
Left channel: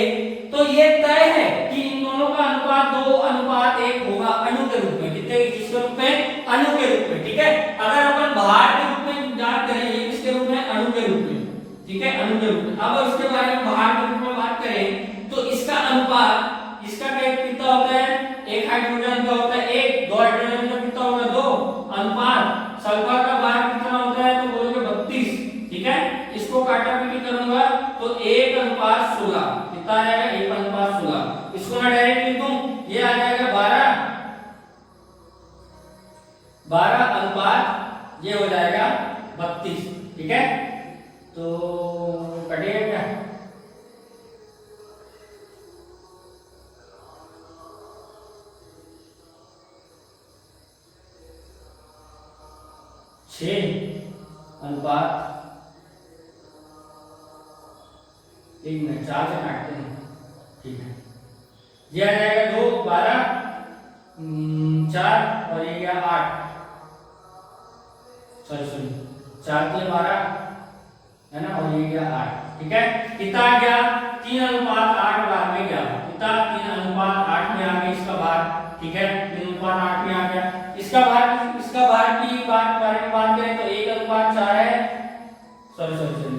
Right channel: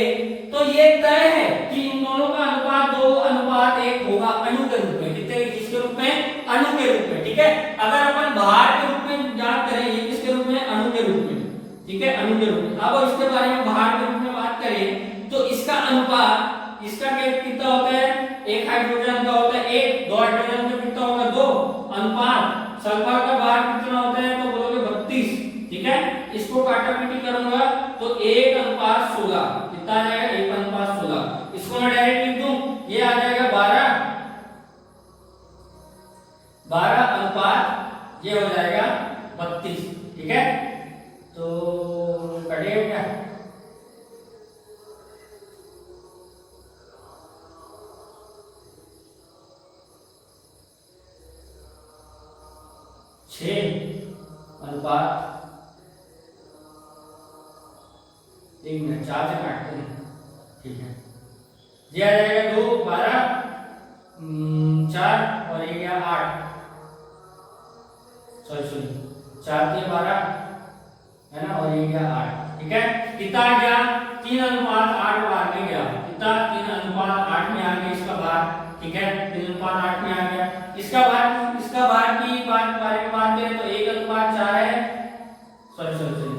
तो ये तय है कि इन दोनों का अनुपात 2 अनुपात 1 होगा अणु के रूप में। कितने? किसके रूप में? अणु के रूप में। ठीक है, अगर अपन भार के रूप में याद करें, ये किसके रूप में? अणु के रूप में। ठीक है, अणु के रूप में। अब इसके बारे में भार के रूप में बात करें तो इसका अनुपात, इसका कितना होता है? एक हाइड्रोजन का होता है 1, 2 हाइड्रोजन का कितना होगा? 2 अनुपात सल्फर का भार कितना होता है? तो बोलोगे 32। ठीक है, इसको काटापीटी करूंगा तो 1 अनुपात 16 कितना आएगा? 1 अनुपात 16। इसको मैं डायरेक्ट लिख दूं, ये आ जाएगा 12 अनुपात, ये हो जाएगा 32। ठीक है, तो कटेगा क्या? अनुपात 1 में 4 से काटते हैं। ठीक है, ये आ जाएगा 2, 12, 4 और ये गया 8। सॉरी 4 3 12 है ना, और ये गया 8। ठीक है, कितना आ गया? 3 अनुपात 8 भाग में गया। कितना? 3 अनुपात 8 में आ गया इसका भाग। ठीक है, 3 अनुपात 8 में आ गया इसका भाग की बारे में बात करें तो 1 अनुपात 4 है। सॉरी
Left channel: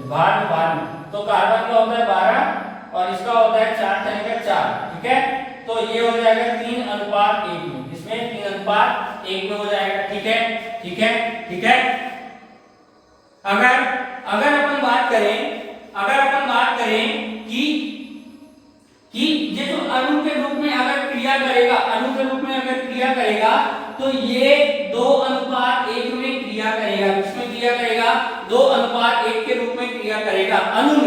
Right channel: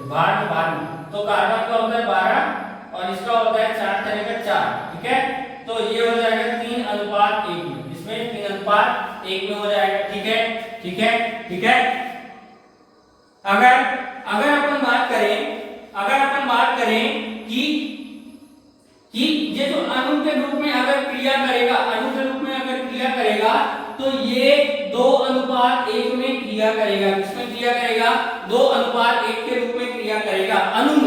भाग में तो कार्बन का होता है 12 और इसका होता है 4 का 4। ठीक है, तो ये हो जाएगा 3 अनुपात 1 में। इसमें 3 अनुपात 1 में हो जाएगा। ठीक है, ठीक है, ठीक है। अगर अपन बात करें कि ये जो अणु के रूप में अगर क्रिया करेगा तो ये 2 अनुपात 1 में क्रिया करेगा। किसमें क्रिया करेगा? 2 अनुपात 1 के रूप में क्रिया करेगा अणु में।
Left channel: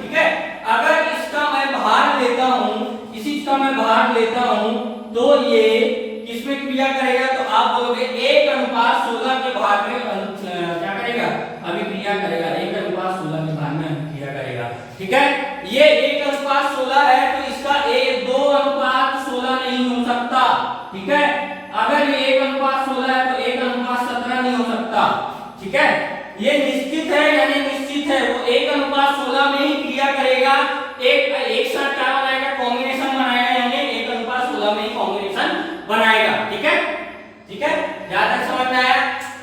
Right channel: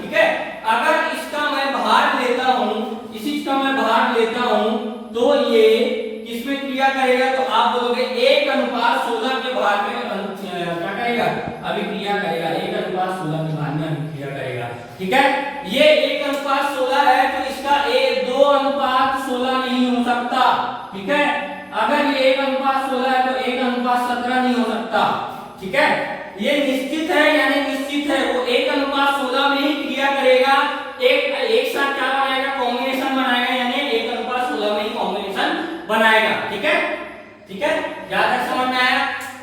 ठीक है, अगर इसका मैं भार लेता हूं, इसी का मैं भार लेता हूं तो ये किसमें क्रिया करेगा? तो आप बोलोगे 1 अनुपात 16 के भार में क्या करेगा? अभिक्रिया करेगा। 1 अनुपात 16 के भार में अभिक्रिया करेगा। ठीक है, ये 1 अनुपात 16 है तो इसका 2 अनुपात 16 नहीं हो सकता। ठीक है, अगर ये 1 अनुपात 16 है तो 1 अनुपात 17 नहीं हो सकता। ठीक है, ये निश्चित है, यानी निश्चित है वो 1 अनुपात 16 में ही क्रिया करेगा। एक साथ क्या बनाएगा? कॉम्बिनेशन बनाएगा, यानी 1 अनुपात 16 में ही कॉम्बिनेशन बनाएगा। ठीक है, ठीक है, ज्यादा समझ में आया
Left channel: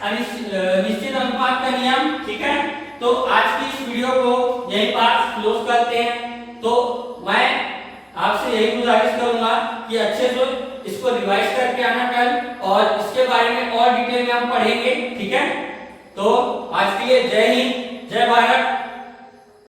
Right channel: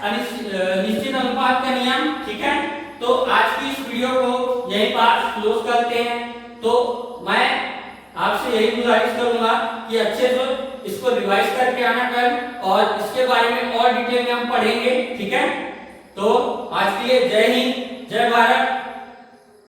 निश्चित अनुपात का नियम। ठीक है, तो आज की इस वीडियो को यही बात क्लोज करते हैं। तो मैं आपसे यही गुजारिश करूंगा कि अच्छे से इसको रिवाइज करके आना कल, और इसके बारे में और डिटेल में हम पढ़ेंगे। ठीक है, तो आज के लिए जय हिंद, जय भारत।